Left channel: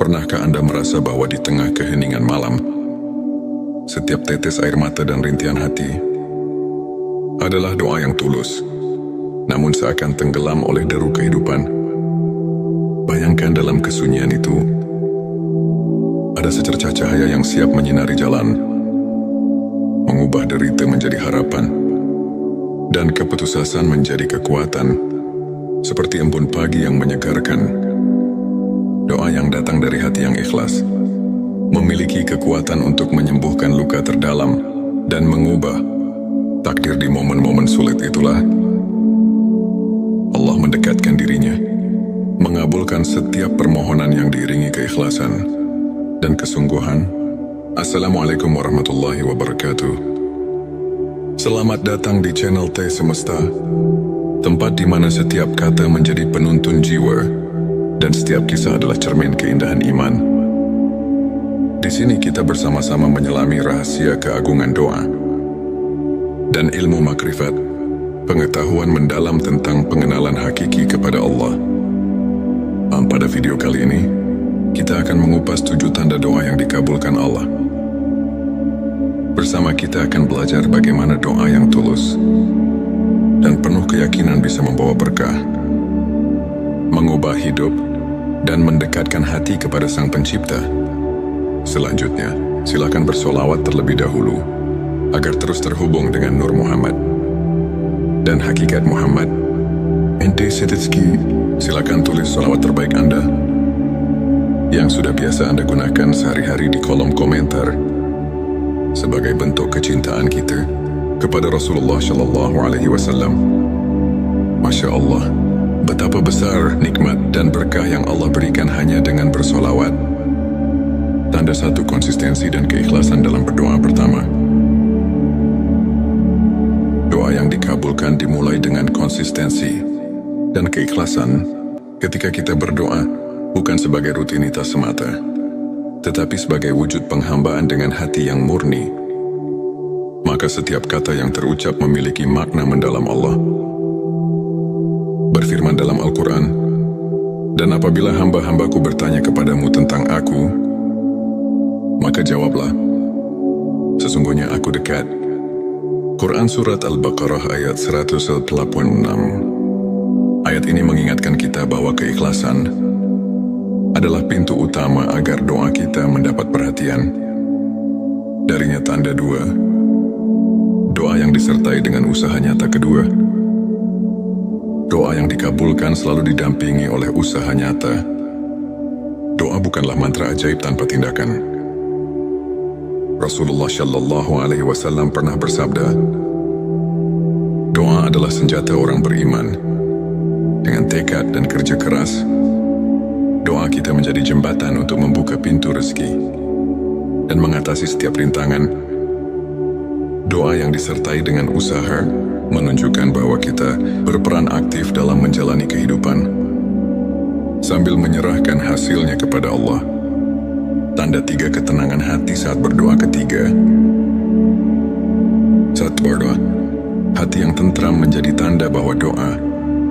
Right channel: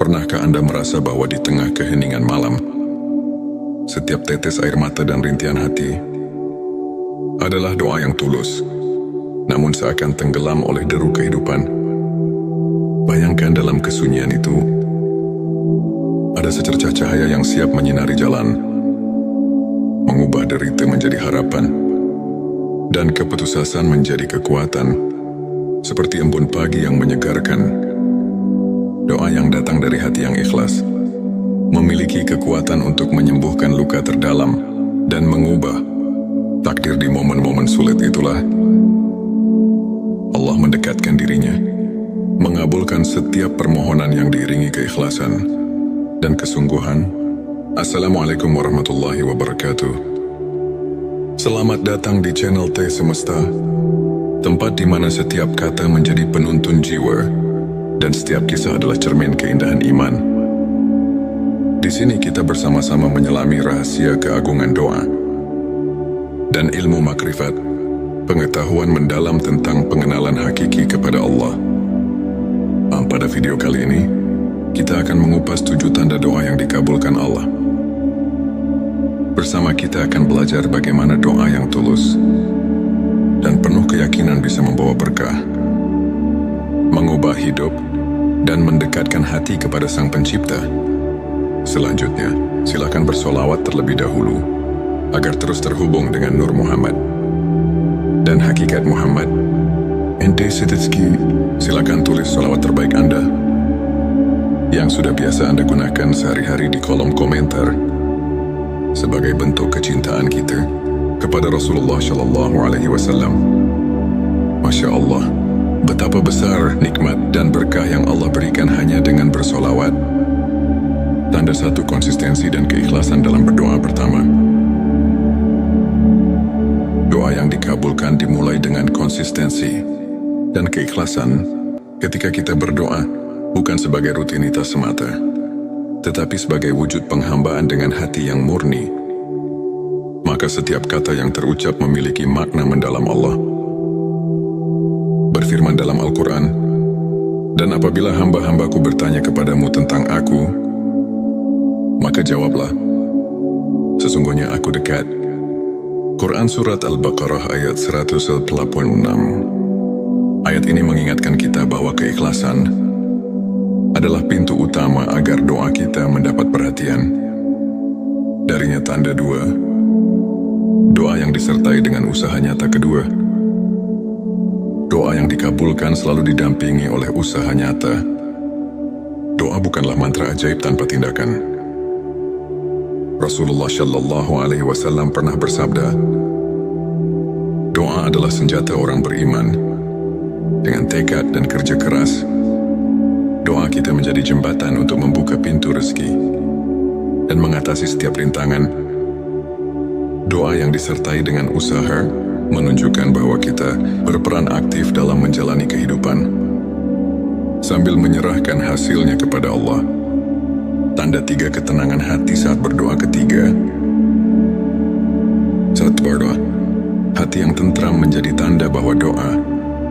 Pernahkah Anda merasa bahwa di tengah keheningan malam, setiap tetes air mata dan rintihan hati adalah doa yang tulus, namun seakan tenggelam oleh deru kehidupan? Bayangkan dalam kesunyian itu, ada secercah cahaya yang siap menyinari jalan, mengubah derita menjadi harapan, dan keputusasaan menjadi kekuatan, seperti embun pagi yang menyegarkan. Doa yang datang dari hati yang ikhlas memiliki kekuatan untuk menyembuhkan luka terdalam dan mengubah takdir di momen-momen sulit. Itulah Allah mendekatkan dirinya, mengabulkan setiap permohonan yang diiringi keikhlasan dan kesungguhan. Assalamualaikum warahmatullahi wabarakatuh. Selamat datang di channel T Semesta, tempat di mana setiap kata menjadi penuntun jiwa dan setiap kisah adalah cermin keindahan iman. Di sini kita bersama-sama menyelami rahasia keagungan doa dan ilmu makrifat, pengetahuan mendalam tentang pengenalan hakiki kepada Allah. Pada video kali ini, kita akan mengupas 7 tanda doa yang dikabulkan Allah. Bersama kita akan belajar bagaimana doa yang tulus dan penuh keyakinan bisa membawa berkah, mengubah hidup, dan mendekatkan hati kepada Sang Pencipta. Selanjutnya, silakan bersolawat terlebih dahulu, agar terus terhubung dengan Nur Muhammad dan hakikat Muhammad. Ente Setitski, silakan tulis solawat terbaik Anda yang sudah biasa Anda gunakan sehari-hari di kolom komentar sebagai bentuk kecintaan kita kepada Rasulullah Shallallahu Alaihi Wasallam. Masya Allah, betapa besar nikmat dan berkah yang Allah berikan hanya dengan bersolawat. Tanda 1 konsistensi dan keikhlasan dalam berdoa. Pertama, doa yang dikabulkan dimulai dengan konsistensi dan keikhlasan. Ketika kita berdoa bukan sebagai rutinitas semata, tetapi sebagai wujud penghambaan dengan hati yang murni, maka setiap kata yang terucap memiliki makna mendalam. Allah berfirman dalam Al-Quran, "Dan apabila hamba-hambaku bertanya kepadamu tentang aku, maka jawablah, sesungguhnya aku dekat." Quran Surat Al-Baqarah ayat 186. Ayat ini mengingatkan kita bahwa keikhlasan adalah pintu utama agar doa kita mendapat perhatian. Darinya tanda 2, doa yang disertai dengan usaha nyata. Kedua, doa yang dikabulkan selalu didampingi oleh usaha nyata. Doa bukanlah mantra ajaib tanpa tindakan. Rasulullah Shallallahu Alaihi Wasallam pernah bersabda, doa adalah senjata orang beriman. Dengan tekad dan kerja keras, doa kita menjadi jembatan untuk membuka pintu rezeki dan mengatasi setiap rintangan. Doa yang disertai dengan usaha menunjukkan bahwa kita berperan aktif dalam menjalani kehidupan sambil menyerahkan hasilnya kepada Allah. Tanda 3 ketenangan hati saat berdoa. Ketiga, saat berdoa, hati yang tentram menjadi tanda bahwa doa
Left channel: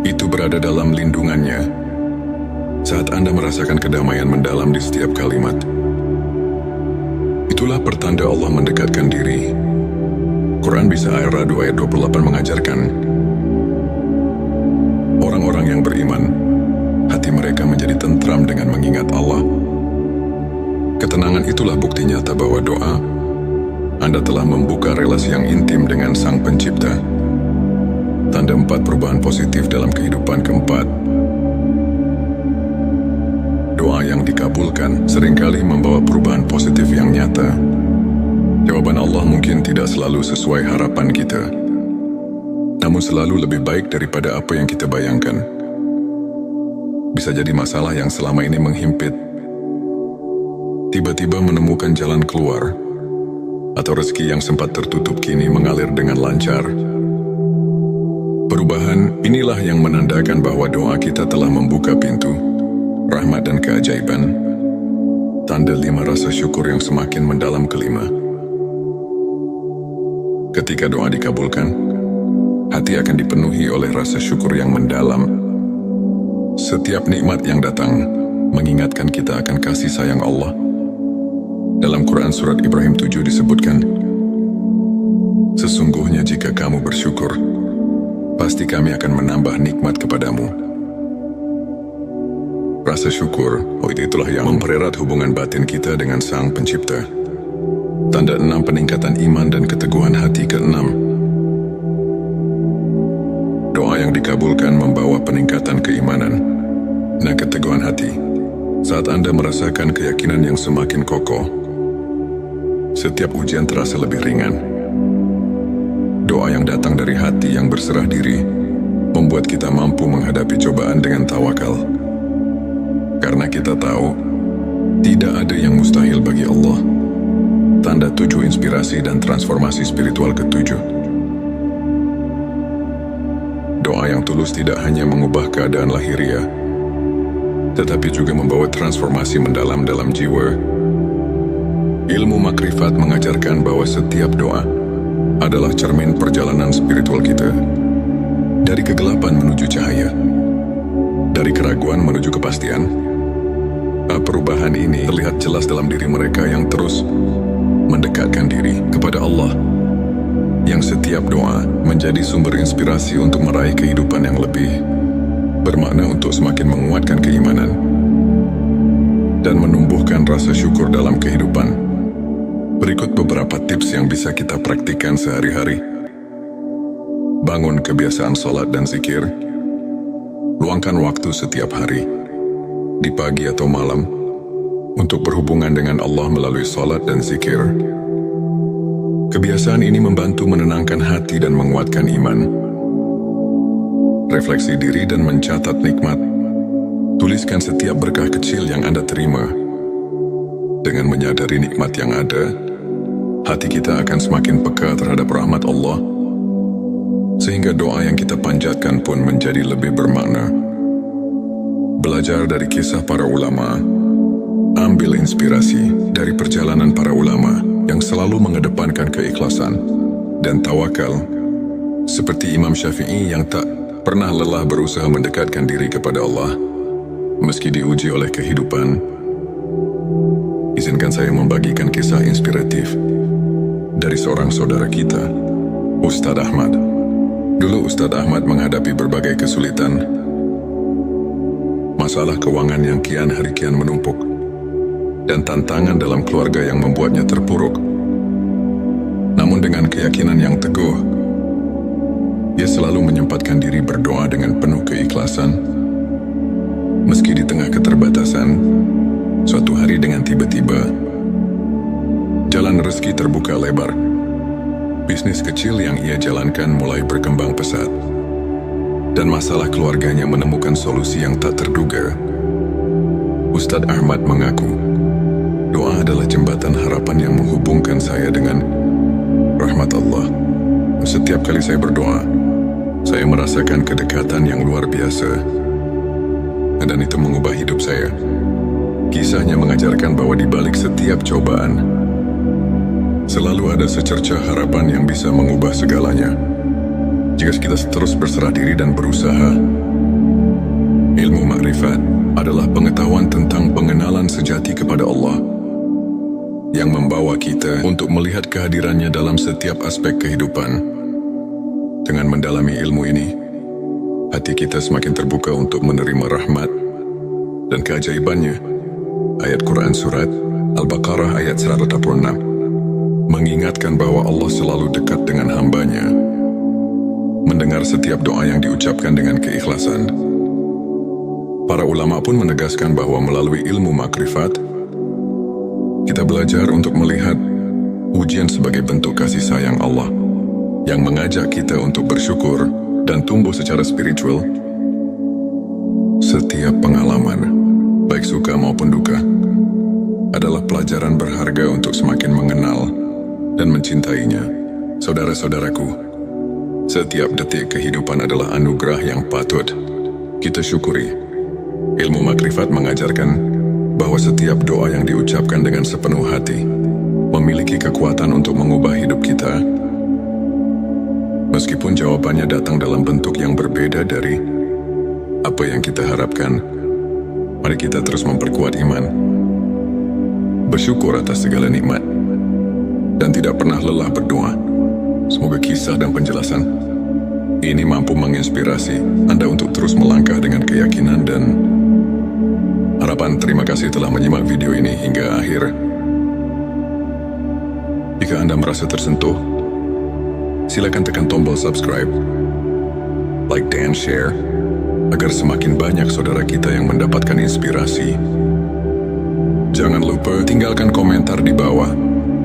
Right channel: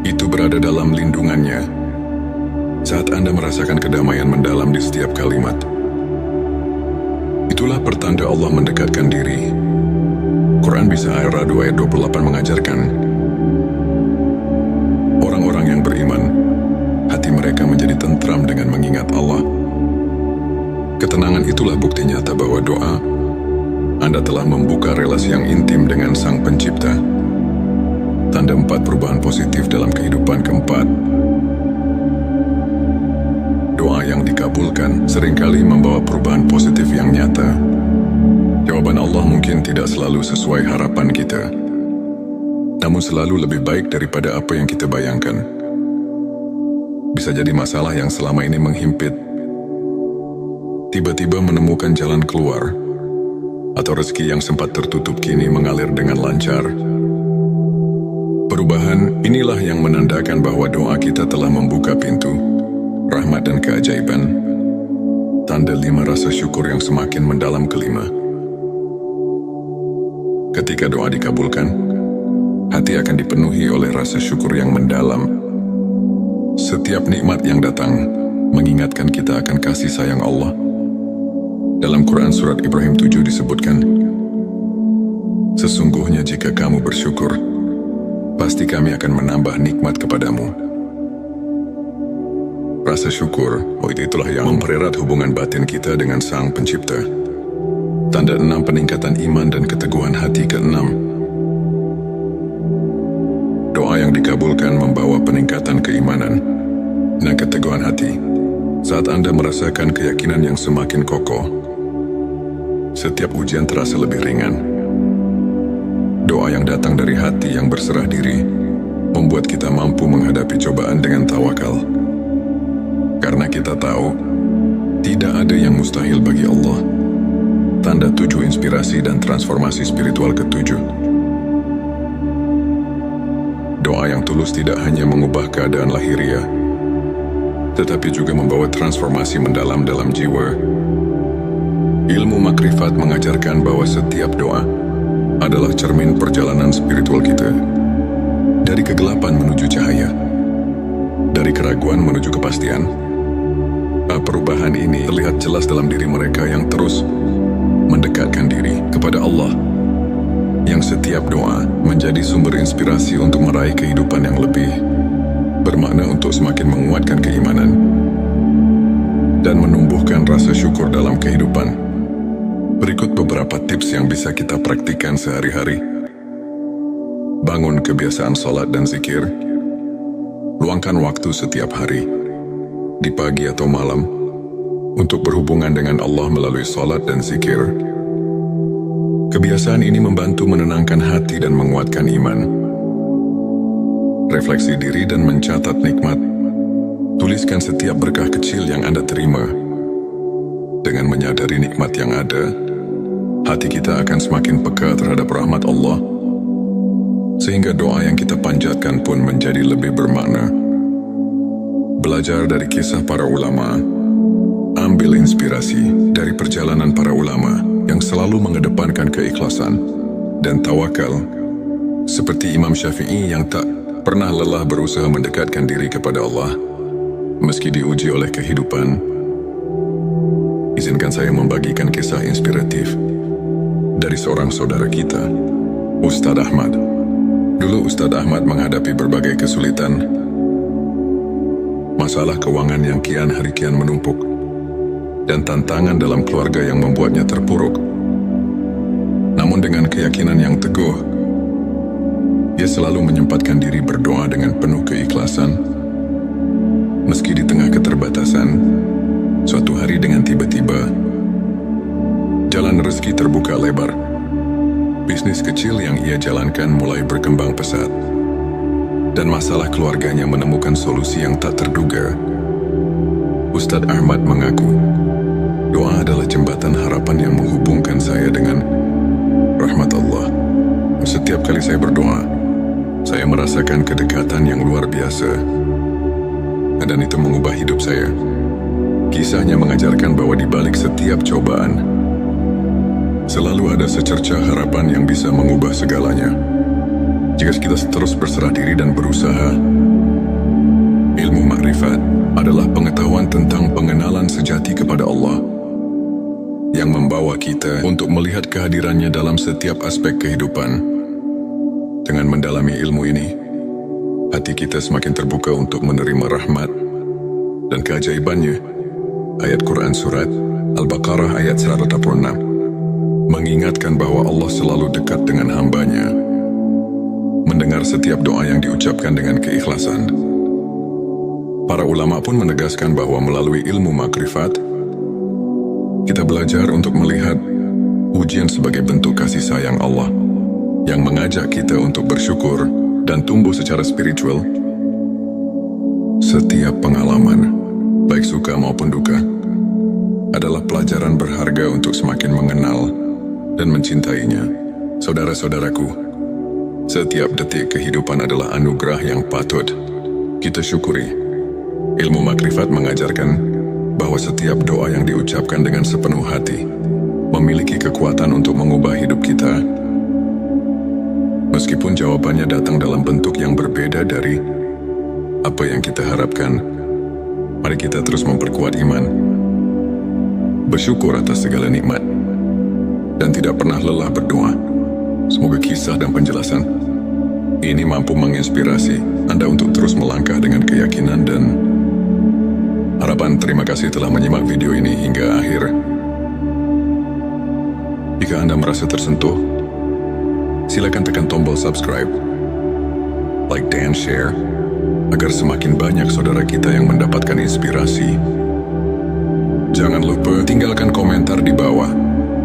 itu berada dalam lindungannya. Saat Anda merasakan kedamaian mendalam di setiap kalimat, itulah pertanda Allah mendekatkan diri. Quran Bisa Ar-Ra'd ayat 28 mengajarkan, orang-orang yang beriman, hati mereka menjadi tentram dengan mengingat Allah. Ketenangan itulah bukti nyata bahwa doa Anda telah membuka relasi yang intim dengan Sang Pencipta. Tanda 4 perubahan positif dalam kehidupan. Keempat, doa yang dikabulkan seringkali membawa perubahan positif yang nyata. Jawaban Allah mungkin tidak selalu sesuai harapan kita, namun selalu lebih baik daripada apa yang kita bayangkan. Bisa jadi masalah yang selama ini menghimpit tiba-tiba menemukan jalan keluar, atau rezeki yang sempat tertutup kini mengalir dengan lancar. Perubahan inilah yang menandakan bahwa doa kita telah membuka pintu rahmat dan keajaiban. Tanda 5 rasa syukur yang semakin mendalam. Kelima, ketika doa dikabulkan, hati akan dipenuhi oleh rasa syukur yang mendalam. Setiap nikmat yang datang mengingatkan kita akan kasih sayang Allah. Dalam Quran Surat Ibrahim 7 disebutkan, "Sesungguhnya jika kamu bersyukur, pasti kami akan menambah nikmat kepadamu." Rasa syukur, itulah yang mempererat hubungan batin kita dengan Sang Pencipta. Tanda 6 peningkatan iman dan keteguhan hati ke-6. Doa yang dikabulkan membawa peningkatan keimanan dan keteguhan hati. Saat Anda merasakan keyakinan yang semakin kokoh, setiap ujian terasa lebih ringan. Doa yang datang dari hati yang berserah diri membuat kita mampu menghadapi cobaan dengan tawakal. Karena kita tahu, tidak ada yang mustahil bagi Allah. Tanda 7 inspirasi dan transformasi spiritual ke-7. Doa yang tulus tidak hanya mengubah keadaan lahiriah, tetapi juga membawa transformasi mendalam dalam jiwa. Ilmu makrifat mengajarkan bahwa setiap doa adalah cermin perjalanan spiritual kita. Dari kegelapan menuju cahaya, dari keraguan menuju kepastian. Perubahan ini terlihat jelas dalam diri mereka yang terus mendekatkan diri kepada Allah, yang setiap doa menjadi sumber inspirasi untuk meraih kehidupan yang lebih bermakna, untuk semakin menguatkan keimanan dan menumbuhkan rasa syukur dalam kehidupan. Berikut beberapa tips yang bisa kita praktikkan sehari-hari. Bangun kebiasaan sholat dan zikir. Luangkan waktu setiap hari, di pagi atau malam, untuk berhubungan dengan Allah melalui sholat dan zikir. Kebiasaan ini membantu menenangkan hati dan menguatkan iman. Refleksi diri dan mencatat nikmat. Tuliskan setiap berkah kecil yang Anda terima. Dengan menyadari nikmat yang ada, hati kita akan semakin peka terhadap rahmat Allah, sehingga doa yang kita panjatkan pun menjadi lebih bermakna. Belajar dari kisah para ulama. Ambil inspirasi dari perjalanan para ulama yang selalu mengedepankan keikhlasan dan tawakal, seperti Imam Syafi'i yang tak pernah lelah berusaha mendekatkan diri kepada Allah meski diuji oleh kehidupan. Izinkan saya membagikan kisah inspiratif dari seorang saudara kita, Ustadz Ahmad. Dulu Ustadz Ahmad menghadapi berbagai kesulitan, masalah keuangan yang kian hari kian menumpuk, dan tantangan dalam keluarga yang membuatnya terpuruk. Namun dengan keyakinan yang teguh, dia selalu menyempatkan diri berdoa dengan penuh keikhlasan. Meski di tengah keterbatasan, suatu hari dengan tiba-tiba, jalan rezeki terbuka lebar. Bisnis kecil yang ia jalankan mulai berkembang pesat, dan masalah keluarganya menemukan solusi yang tak terduga. Ustadz Ahmad mengaku, doa adalah jembatan harapan yang menghubungkan saya dengan rahmat Allah. Setiap kali saya berdoa, saya merasakan kedekatan yang luar biasa, dan itu mengubah hidup saya. Kisahnya mengajarkan bahwa di balik setiap cobaan, selalu ada secercah harapan yang bisa mengubah segalanya. Jika kita terus berserah diri dan berusaha. Ilmu makrifat adalah pengetahuan tentang pengenalan sejati kepada Allah, yang membawa kita untuk melihat kehadirannya dalam setiap aspek kehidupan. Dengan mendalami ilmu ini, hati kita semakin terbuka untuk menerima rahmat dan keajaibannya. Ayat Quran Surat Al-Baqarah ayat 186 mengingatkan bahwa Allah selalu dekat dengan hambanya, mendengar setiap doa yang diucapkan dengan keikhlasan. Para ulama pun menegaskan bahwa melalui ilmu makrifat, kita belajar untuk melihat ujian sebagai bentuk kasih sayang Allah yang mengajak kita untuk bersyukur dan tumbuh secara spiritual. Setiap pengalaman, baik suka maupun duka, adalah pelajaran berharga untuk semakin mengenal dan mencintainya. Saudara-saudaraku, setiap detik kehidupan adalah anugerah yang patut kita syukuri. Ilmu makrifat mengajarkan bahwa setiap doa yang diucapkan dengan sepenuh hati memiliki kekuatan untuk mengubah hidup kita. Meskipun jawabannya datang dalam bentuk yang berbeda dari apa yang kita harapkan, Mari kita terus memperkuat iman, bersyukur atas segala nikmat, dan tidak pernah lelah berdoa. Semoga kisah dan penjelasan ini mampu menginspirasi Anda untuk terus melangkah dengan keyakinan dan harapan. Terima kasih telah menyimak video ini hingga akhir. Jika Anda merasa tersentuh, silakan tekan tombol subscribe, like dan share, agar semakin banyak saudara kita yang mendapatkan inspirasi. Jangan lupa tinggalkan komentar di bawah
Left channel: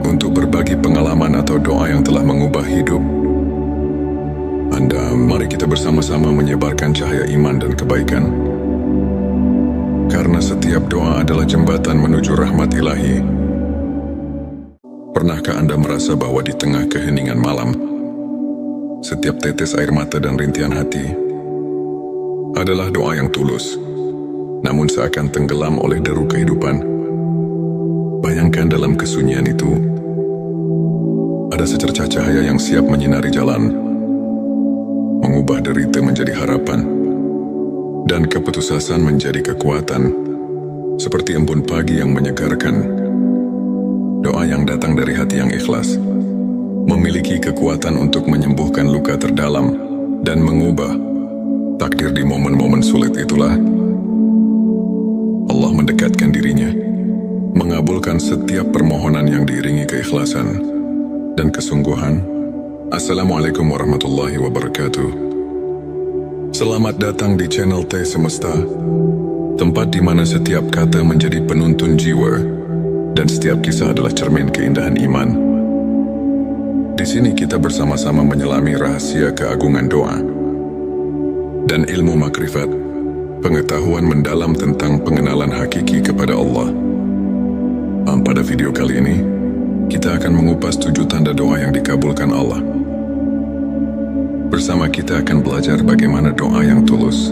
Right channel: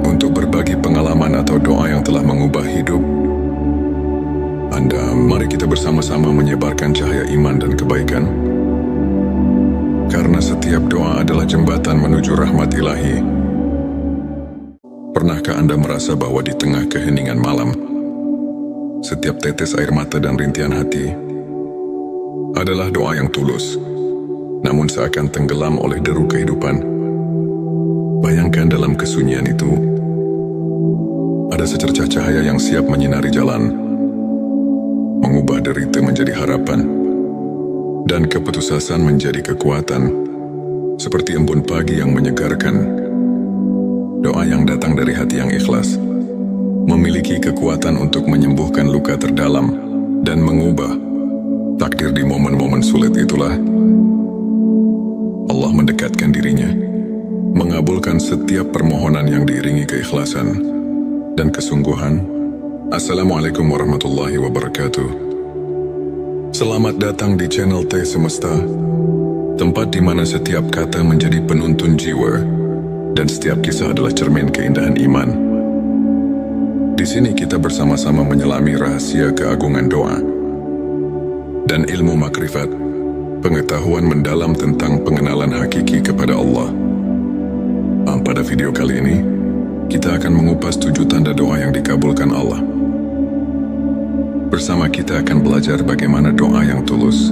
untuk berbagi pengalaman atau doa yang telah mengubah hidup Anda. Mari kita bersama-sama menyebarkan cahaya iman dan kebaikan, karena setiap doa adalah jembatan menuju rahmat ilahi. Pernahkah Anda merasa bahwa di tengah keheningan malam, setiap tetes air mata dan rintihan hati adalah doa yang tulus, namun seakan tenggelam oleh deru kehidupan? Bayangkan dalam kesunyian itu, ada secercah cahaya yang siap menyinari jalan, mengubah derita menjadi harapan, dan keputusasaan menjadi kekuatan, seperti embun pagi yang menyegarkan. Doa yang datang dari hati yang ikhlas memiliki kekuatan untuk menyembuhkan luka terdalam dan mengubah takdir. Di momen-momen sulit itulah Allah mendekatkan dirinya, mengabulkan setiap permohonan yang diiringi keikhlasan dan kesungguhan. Assalamualaikum warahmatullahi wabarakatuh. Selamat datang di channel T Semesta, tempat di mana setiap kata menjadi penuntun jiwa dan setiap kisah adalah cermin keindahan iman. Di sini kita bersama-sama menyelami rahasia keagungan doa dan ilmu makrifat, pengetahuan mendalam tentang pengenalan hakiki kepada Allah. Pada video kali ini, kita akan mengupas 7 tanda doa yang dikabulkan Allah. Bersama kita akan belajar bagaimana doa yang tulus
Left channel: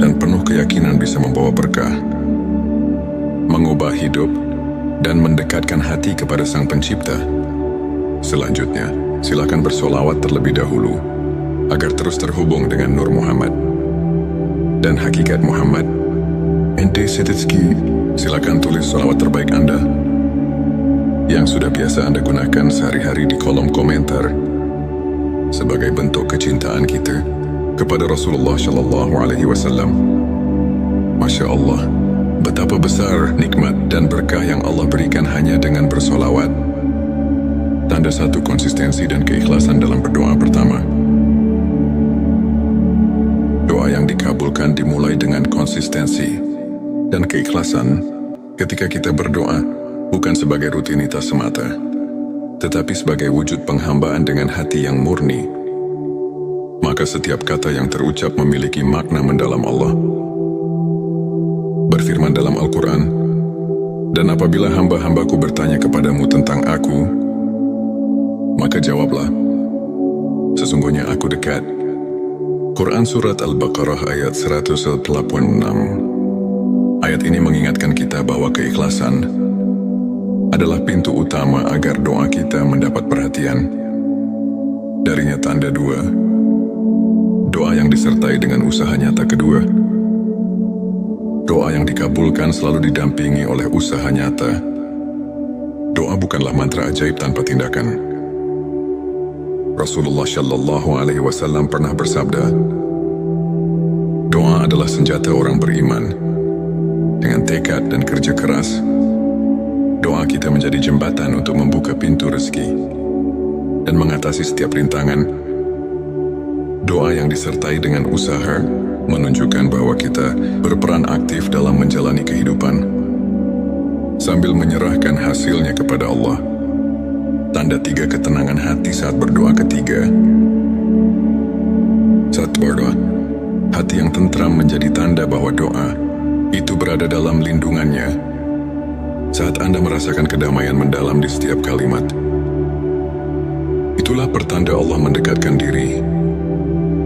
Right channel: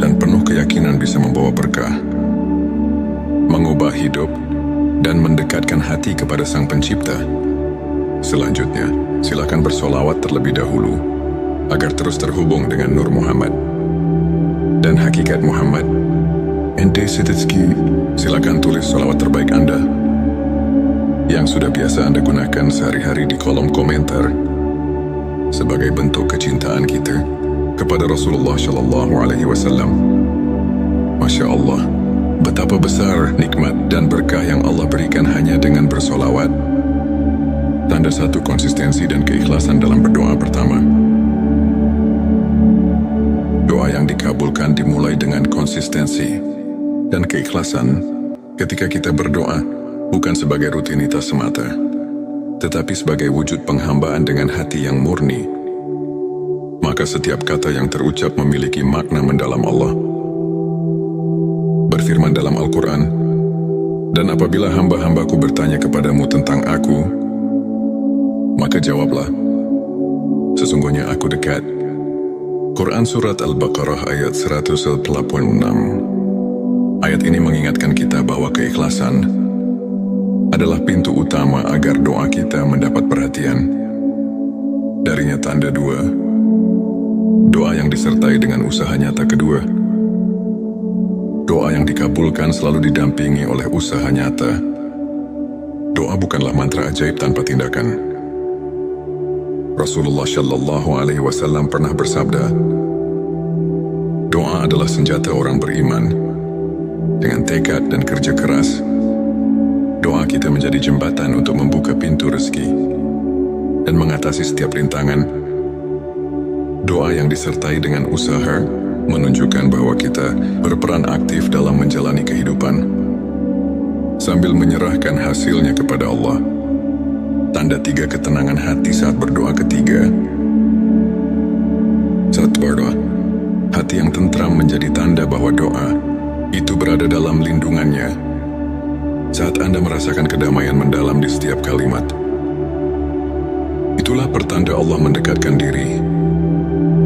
dan penuh keyakinan bisa membawa berkah, mengubah hidup, dan mendekatkan hati kepada Sang Pencipta. Selanjutnya, silakan bersolawat terlebih dahulu, agar terus terhubung dengan Nur Muhammad dan hakikat Muhammad. Ente Setitski, silakan tulis solawat terbaik Anda yang sudah biasa Anda gunakan sehari-hari di kolom komentar sebagai bentuk kecintaan kita kepada Rasulullah Shallallahu Alaihi Wasallam. Masya Allah, betapa besar nikmat dan berkah yang Allah berikan hanya dengan bersolawat. Tanda satu konsistensi dan keikhlasan dalam berdoa. Pertama, doa yang dikabulkan dimulai dengan konsistensi dan keikhlasan. Ketika kita berdoa, bukan sebagai rutinitas semata, tetapi sebagai wujud penghambaan dengan hati yang murni, maka setiap kata yang terucap memiliki makna mendalam. Allah berfirman dalam Al-Quran, "Dan apabila hamba-hambaku bertanya kepadamu tentang aku, maka jawablah, sesungguhnya aku dekat." Quran Surat Al-Baqarah ayat 186. Ayat ini mengingatkan kita bahwa keikhlasan adalah pintu utama agar doa kita mendapat perhatian. Darinya tanda 2, doa yang disertai dengan usaha nyata. Kedua, doa yang dikabulkan selalu didampingi oleh usaha nyata. Doa bukanlah mantra ajaib tanpa tindakan. Rasulullah Shallallahu Alaihi Wasallam pernah bersabda, doa adalah senjata orang beriman. Dengan tekad dan kerja keras, doa kita menjadi jembatan untuk membuka pintu rezeki dan mengatasi setiap rintangan. Doa yang disertai dengan usaha menunjukkan bahwa kita berperan aktif dalam menjalani kehidupan sambil menyerahkan hasilnya kepada Allah. Tanda 3 ketenangan hati saat berdoa. Ketiga, saat berdoa, hati yang tentram menjadi tanda bahwa doa itu berada dalam lindungannya. Saat Anda merasakan kedamaian mendalam di setiap kalimat, itulah pertanda Allah mendekatkan diri.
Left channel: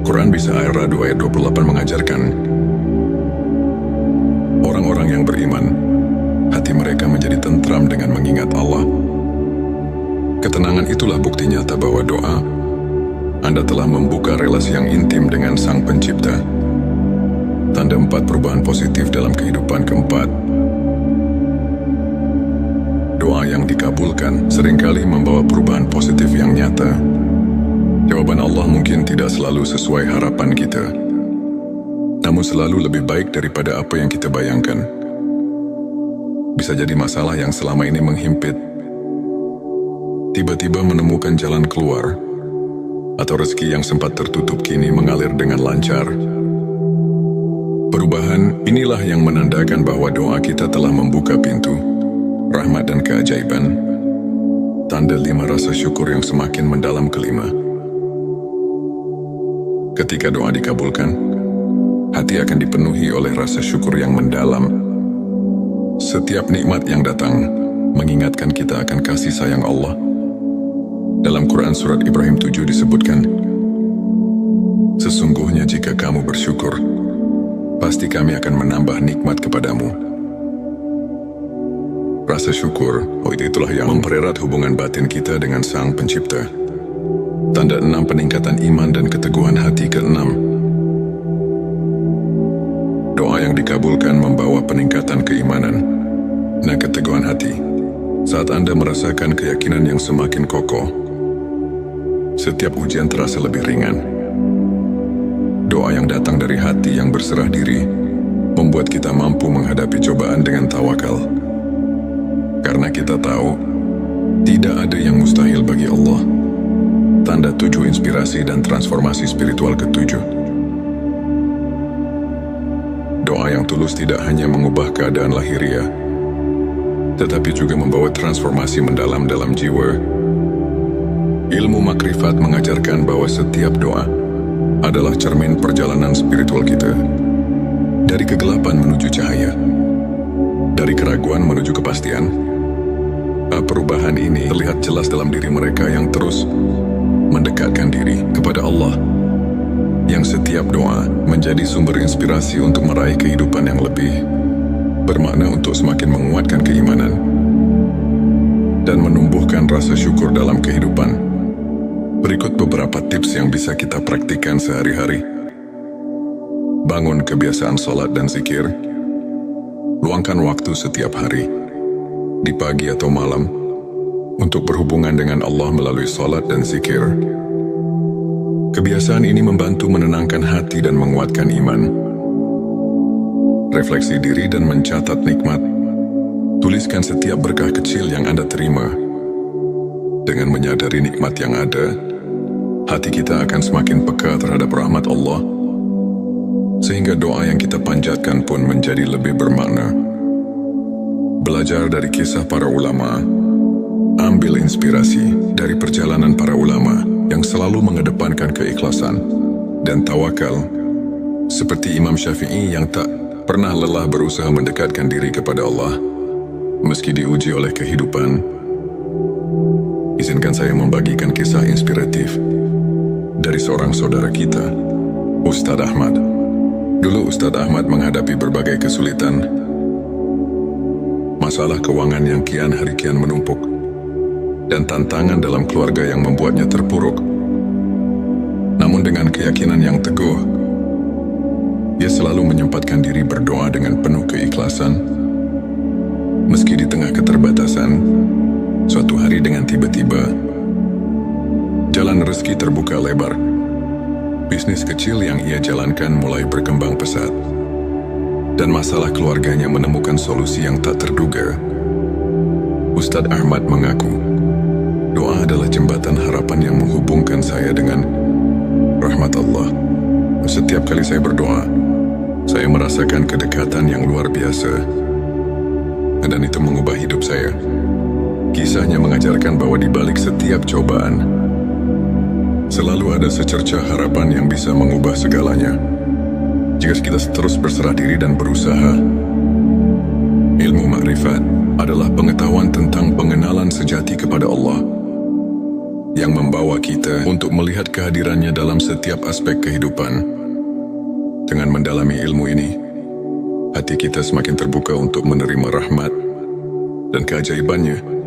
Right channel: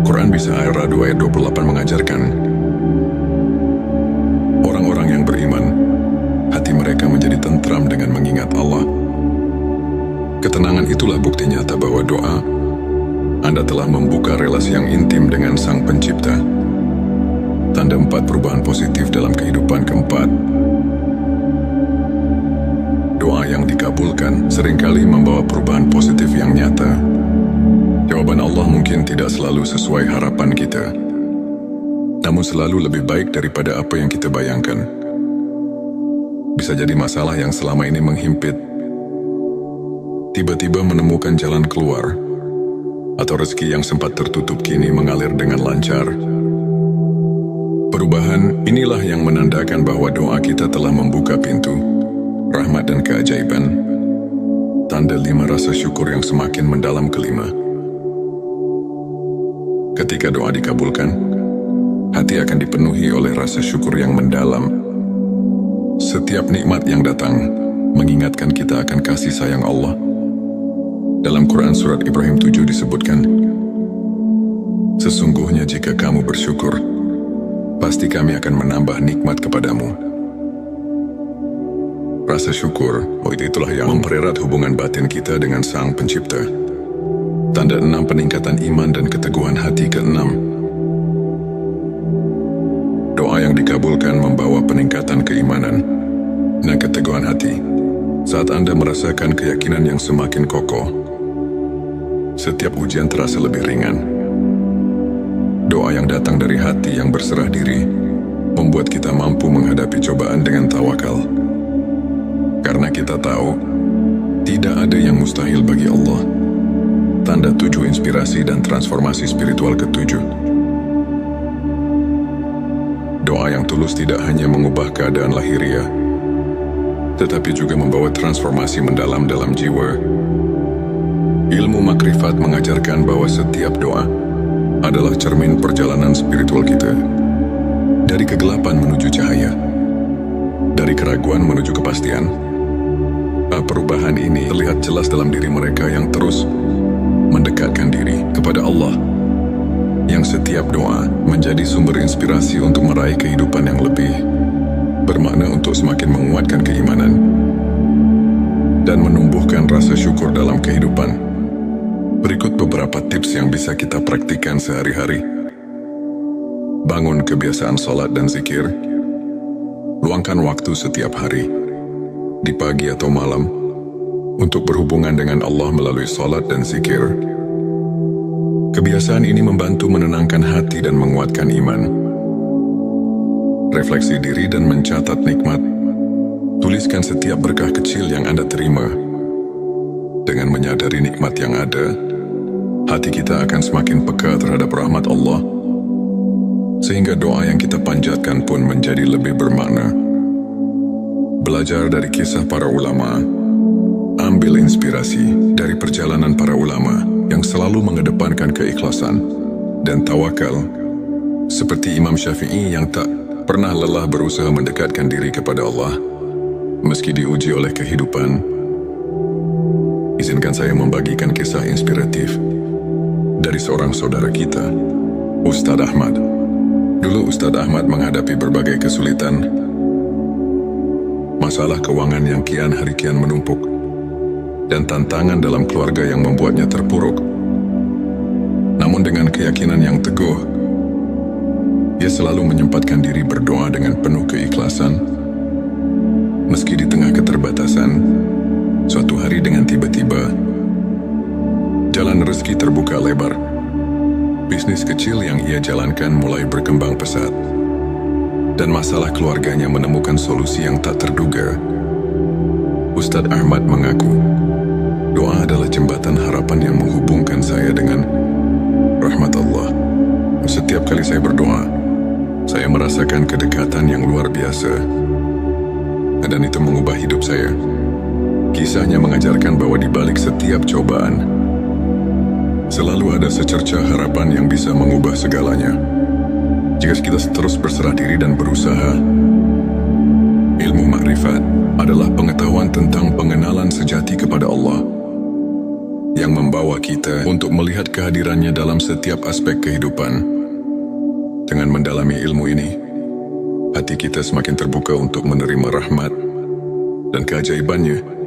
Quran Bisa Ar-Ra'd ayat 28 mengajarkan, orang-orang yang beriman, hati mereka menjadi tentram dengan mengingat Allah. Ketenangan itulah bukti nyata bahwa doa Anda telah membuka relasi yang intim dengan Sang Pencipta. tanda 4 perubahan positif dalam kehidupan. Keempat, doa yang dikabulkan seringkali membawa perubahan positif yang nyata. Jawaban Allah mungkin tidak selalu sesuai harapan kita, namun selalu lebih baik daripada apa yang kita bayangkan. Bisa jadi masalah yang selama ini menghimpit tiba-tiba menemukan jalan keluar, atau rezeki yang sempat tertutup kini mengalir dengan lancar. Perubahan inilah yang menandakan bahwa doa kita telah membuka pintu rahmat dan keajaiban. Tanda 5 rasa syukur yang semakin mendalam. Kelima, ketika doa dikabulkan, hati akan dipenuhi oleh rasa syukur yang mendalam. Setiap nikmat yang datang mengingatkan kita akan kasih sayang Allah. Dalam Quran Surat Ibrahim 7 disebutkan, sesungguhnya jika kamu bersyukur, pasti kami akan menambah nikmat kepadamu. Rasa syukur, itulah yang mempererat hubungan batin kita dengan Sang Pencipta. Tanda 6 peningkatan iman dan keteguhan hati. Keenam, doa yang dikabulkan membawa peningkatan keimanan dan keteguhan hati. Saat Anda merasakan keyakinan yang semakin kokoh, setiap ujian terasa lebih ringan. Doa yang datang dari hati yang berserah diri membuat kita mampu menghadapi cobaan dengan tawakal. Karena kita tahu, tidak ada yang mustahil bagi Allah. Tanda 7 inspirasi dan transformasi spiritual. Ketujuh, doa yang tulus tidak hanya mengubah keadaan lahiriah, tetapi juga membawa transformasi mendalam dalam jiwa. Ilmu makrifat mengajarkan bahwa setiap doa adalah cermin perjalanan spiritual kita. Dari kegelapan menuju cahaya, dari keraguan menuju kepastian. Perubahan ini terlihat jelas dalam diri mereka yang terus mendekatkan diri kepada Allah, yang setiap doa menjadi sumber inspirasi untuk meraih kehidupan yang lebih bermakna, untuk semakin menguatkan keimanan dan menumbuhkan rasa syukur dalam kehidupan. Berikut beberapa tips yang bisa kita praktikkan sehari-hari. Bangun kebiasaan sholat dan zikir. Luangkan waktu setiap hari, di pagi atau malam, untuk berhubungan dengan Allah melalui sholat dan zikir. Kebiasaan ini membantu menenangkan hati dan menguatkan iman. Refleksi diri dan mencatat nikmat. Tuliskan setiap berkah kecil yang Anda terima. Dengan menyadari nikmat yang ada, hati kita akan semakin peka terhadap rahmat Allah, sehingga doa yang kita panjatkan pun menjadi lebih bermakna. Belajar dari kisah para ulama. Ambil inspirasi dari perjalanan para ulama yang selalu mengedepankan keikhlasan dan tawakal, seperti Imam Syafi'i yang tak pernah lelah berusaha mendekatkan diri kepada Allah meski diuji oleh kehidupan. Izinkan saya membagikan kisah inspiratif dari seorang saudara kita, Ustadz Ahmad. Dulu Ustadz Ahmad menghadapi berbagai kesulitan, masalah keuangan yang kian hari kian menumpuk, dan tantangan dalam keluarga yang membuatnya terpuruk. Namun dengan keyakinan yang teguh, dia selalu menyempatkan diri berdoa dengan penuh keikhlasan. Meski di tengah keterbatasan, suatu hari dengan tiba-tiba, jalan rezeki terbuka lebar. Bisnis kecil yang ia jalankan mulai berkembang pesat, dan masalah keluarganya menemukan solusi yang tak terduga. Ustadz Ahmad mengaku, doa adalah jembatan harapan yang menghubungkan saya dengan rahmat Allah. Setiap kali saya berdoa, saya merasakan kedekatan yang luar biasa, dan itu mengubah hidup saya. Kisahnya mengajarkan bahwa di balik setiap cobaan, selalu ada secercah harapan yang bisa mengubah segalanya. Jika kita terus berserah diri dan berusaha. Ilmu makrifat adalah pengetahuan tentang pengenalan sejati kepada Allah, yang membawa kita untuk melihat kehadirannya dalam setiap aspek kehidupan. Dengan mendalami ilmu ini, hati kita semakin terbuka untuk menerima rahmat dan keajaibannya.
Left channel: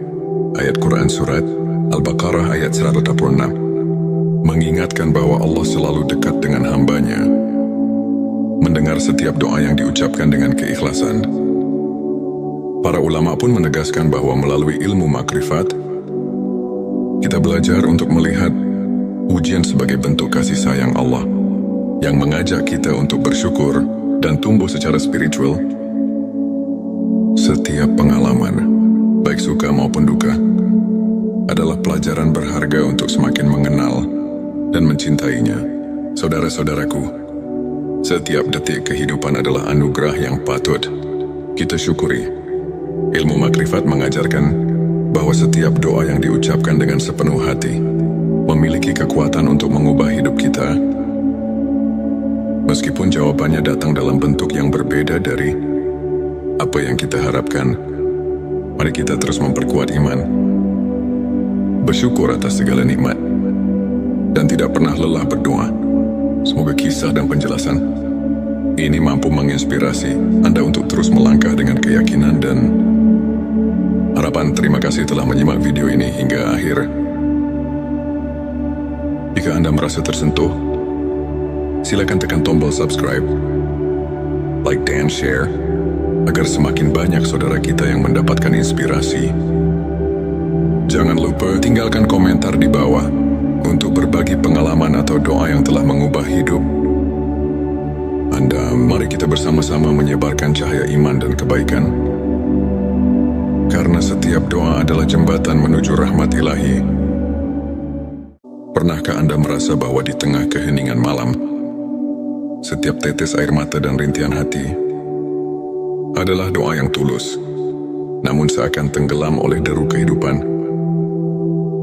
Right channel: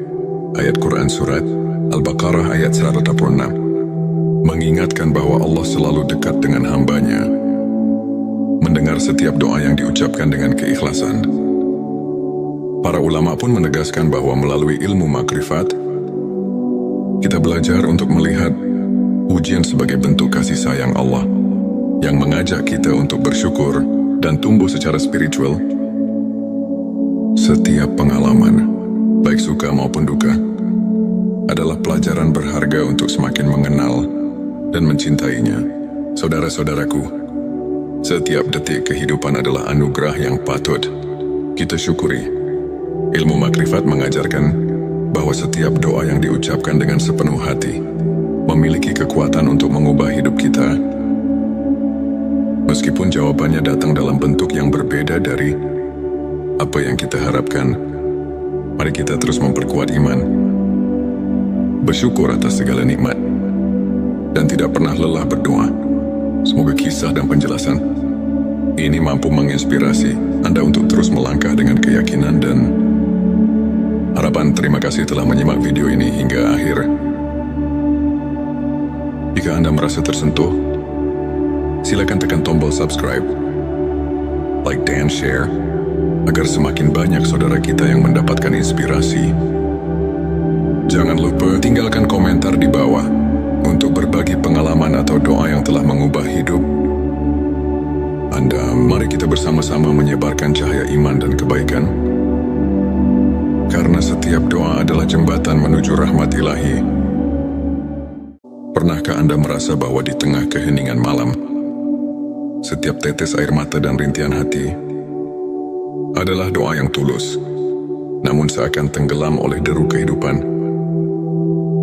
Ayat Quran Surat Al-Baqarah ayat 186 mengingatkan bahwa Allah selalu dekat dengan hambanya. mendengar setiap doa yang diucapkan dengan keikhlasan. Para ulama pun menegaskan bahwa melalui ilmu makrifat, kita belajar untuk melihat ujian sebagai bentuk kasih sayang Allah yang mengajak kita untuk bersyukur dan tumbuh secara spiritual. Setiap pengalaman, baik suka maupun duka, adalah pelajaran berharga untuk semakin mengenal dan mencintainya. Saudara-saudaraku, setiap detik kehidupan adalah anugerah yang patut kita syukuri. Ilmu makrifat mengajarkan bahwa setiap doa yang diucapkan dengan sepenuh hati memiliki kekuatan untuk mengubah hidup kita. Meskipun jawabannya datang dalam bentuk yang berbeda dari apa yang kita harapkan, mari kita terus memperkuat iman, bersyukur atas segala nikmat, dan tidak pernah lelah berdoa. Semoga kisah dan penjelasan ini mampu menginspirasi Anda untuk terus melangkah dengan keyakinan dan harapan. Terima kasih telah menyimak video ini hingga akhir. Jika Anda merasa tersentuh, silakan tekan tombol subscribe, like dan share, agar semakin banyak saudara kita yang mendapatkan inspirasi. Jangan lupa tinggalkan komentar di bawah untuk berbagi pengalaman atau doa yang telah mengubah hidup Anda. Mari kita bersama-sama menyebarkan cahaya iman dan kebaikan, karena setiap doa adalah jembatan menuju rahmat ilahi. Pernahkah Anda merasa bahwa di tengah keheningan malam, setiap tetes air mata dan rintihan hati adalah doa yang tulus, namun seakan tenggelam oleh deru kehidupan?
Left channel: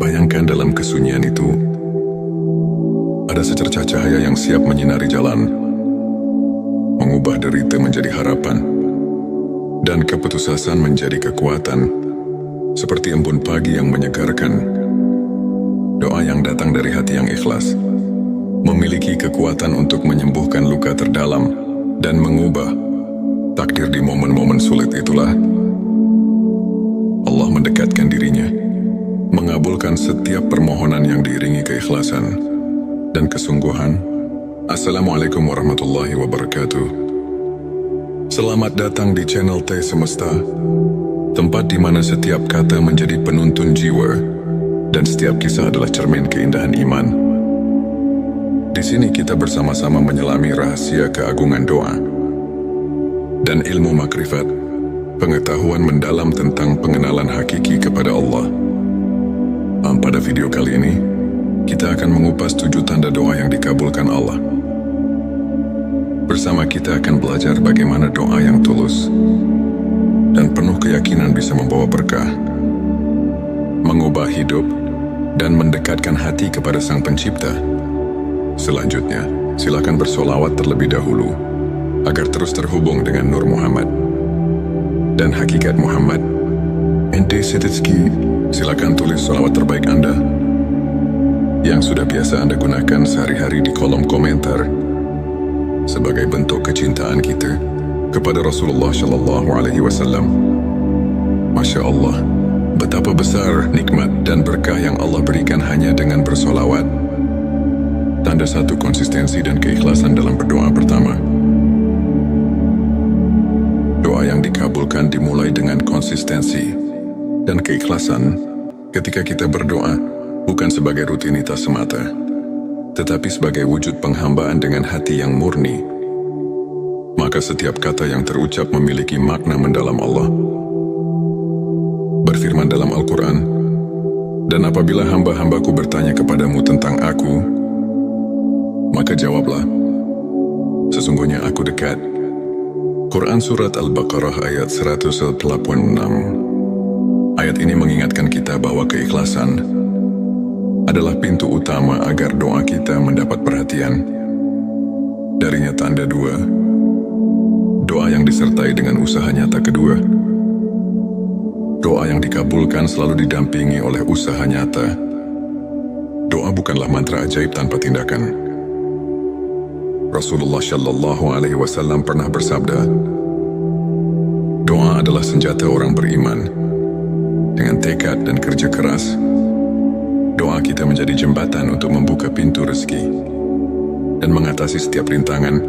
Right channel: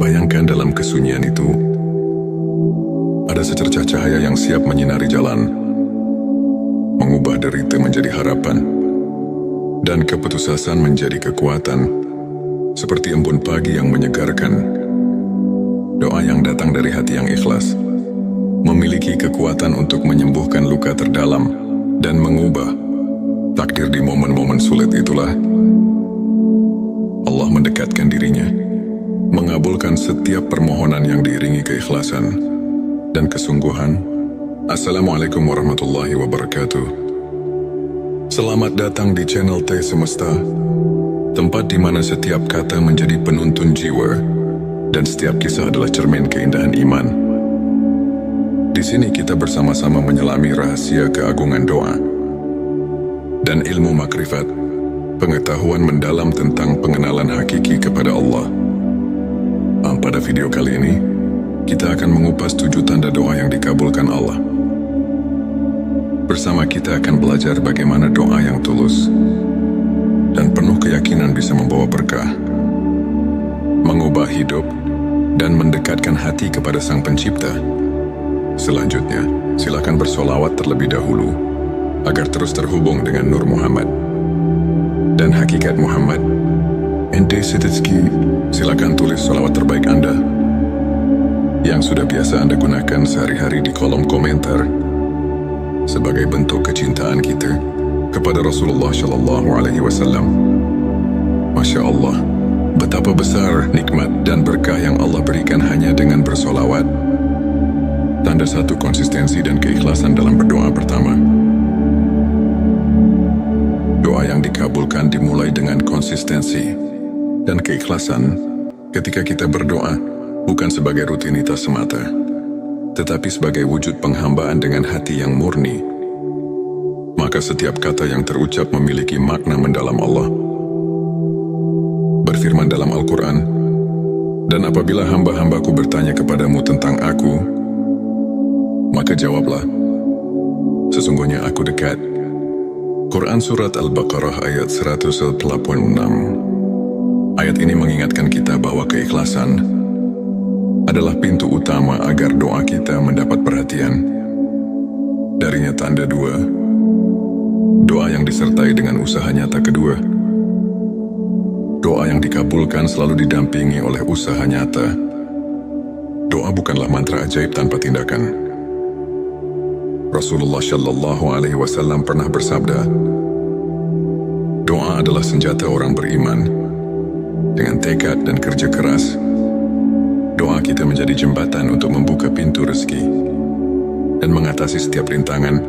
Bayangkan dalam kesunyian itu, ada secercah cahaya yang siap menyinari jalan, mengubah derita menjadi harapan, dan keputusasaan menjadi kekuatan, seperti embun pagi yang menyegarkan. Doa yang datang dari hati yang ikhlas memiliki kekuatan untuk menyembuhkan luka terdalam dan mengubah takdir. Di momen-momen sulit itulah Allah mendekatkan dirinya, mengabulkan setiap permohonan yang diiringi keikhlasan dan kesungguhan. Assalamualaikum warahmatullahi wabarakatuh. Selamat datang di channel T Semesta, tempat di mana setiap kata menjadi penuntun jiwa dan setiap kisah adalah cermin keindahan iman. Di sini kita bersama-sama menyelami rahasia keagungan doa dan ilmu makrifat, pengetahuan mendalam tentang pengenalan hakiki kepada Allah. Pada video kali ini, kita akan mengupas 7 tanda doa yang dikabulkan Allah. Bersama kita akan belajar bagaimana doa yang tulus dan penuh keyakinan bisa membawa berkah, mengubah hidup, dan mendekatkan hati kepada Sang Pencipta. Selanjutnya, silakan bersolawat terlebih dahulu agar terus terhubung dengan Nur Muhammad dan hakikat Muhammad. Ente Sedetski, silakan tulis solawat terbaik Anda yang sudah biasa Anda gunakan sehari-hari di kolom komentar sebagai bentuk kecintaan kita kepada Rasulullah Shallallahu Alaihi Wasallam. Masya Allah, betapa besar nikmat dan berkah yang Allah berikan hanya dengan bersolawat. Tanda 1 konsistensi dan keikhlasan dalam berdoa. Pertama, doa yang dikabulkan dimulai dengan konsistensi dan keikhlasan. Ketika kita berdoa, bukan sebagai rutinitas semata, tetapi sebagai wujud penghambaan dengan hati yang murni, maka setiap kata yang terucap memiliki makna mendalam. Allah berfirman dalam Al-Quran, "Dan apabila hamba-hambaku bertanya kepadamu tentang aku, maka jawablah, sesungguhnya aku dekat." Quran Surat Al-Baqarah ayat 186. Ayat ini mengingatkan kita bahwa keikhlasan adalah pintu utama agar doa kita mendapat perhatian. Darinya tanda 2, doa yang disertai dengan usaha nyata. Kedua, doa yang dikabulkan selalu didampingi oleh usaha nyata. Doa bukanlah mantra ajaib tanpa tindakan. Rasulullah Shallallahu Alaihi Wasallam pernah bersabda, doa adalah senjata orang beriman. Dengan tekad dan kerja keras, doa kita menjadi jembatan untuk membuka pintu rezeki dan mengatasi setiap rintangan.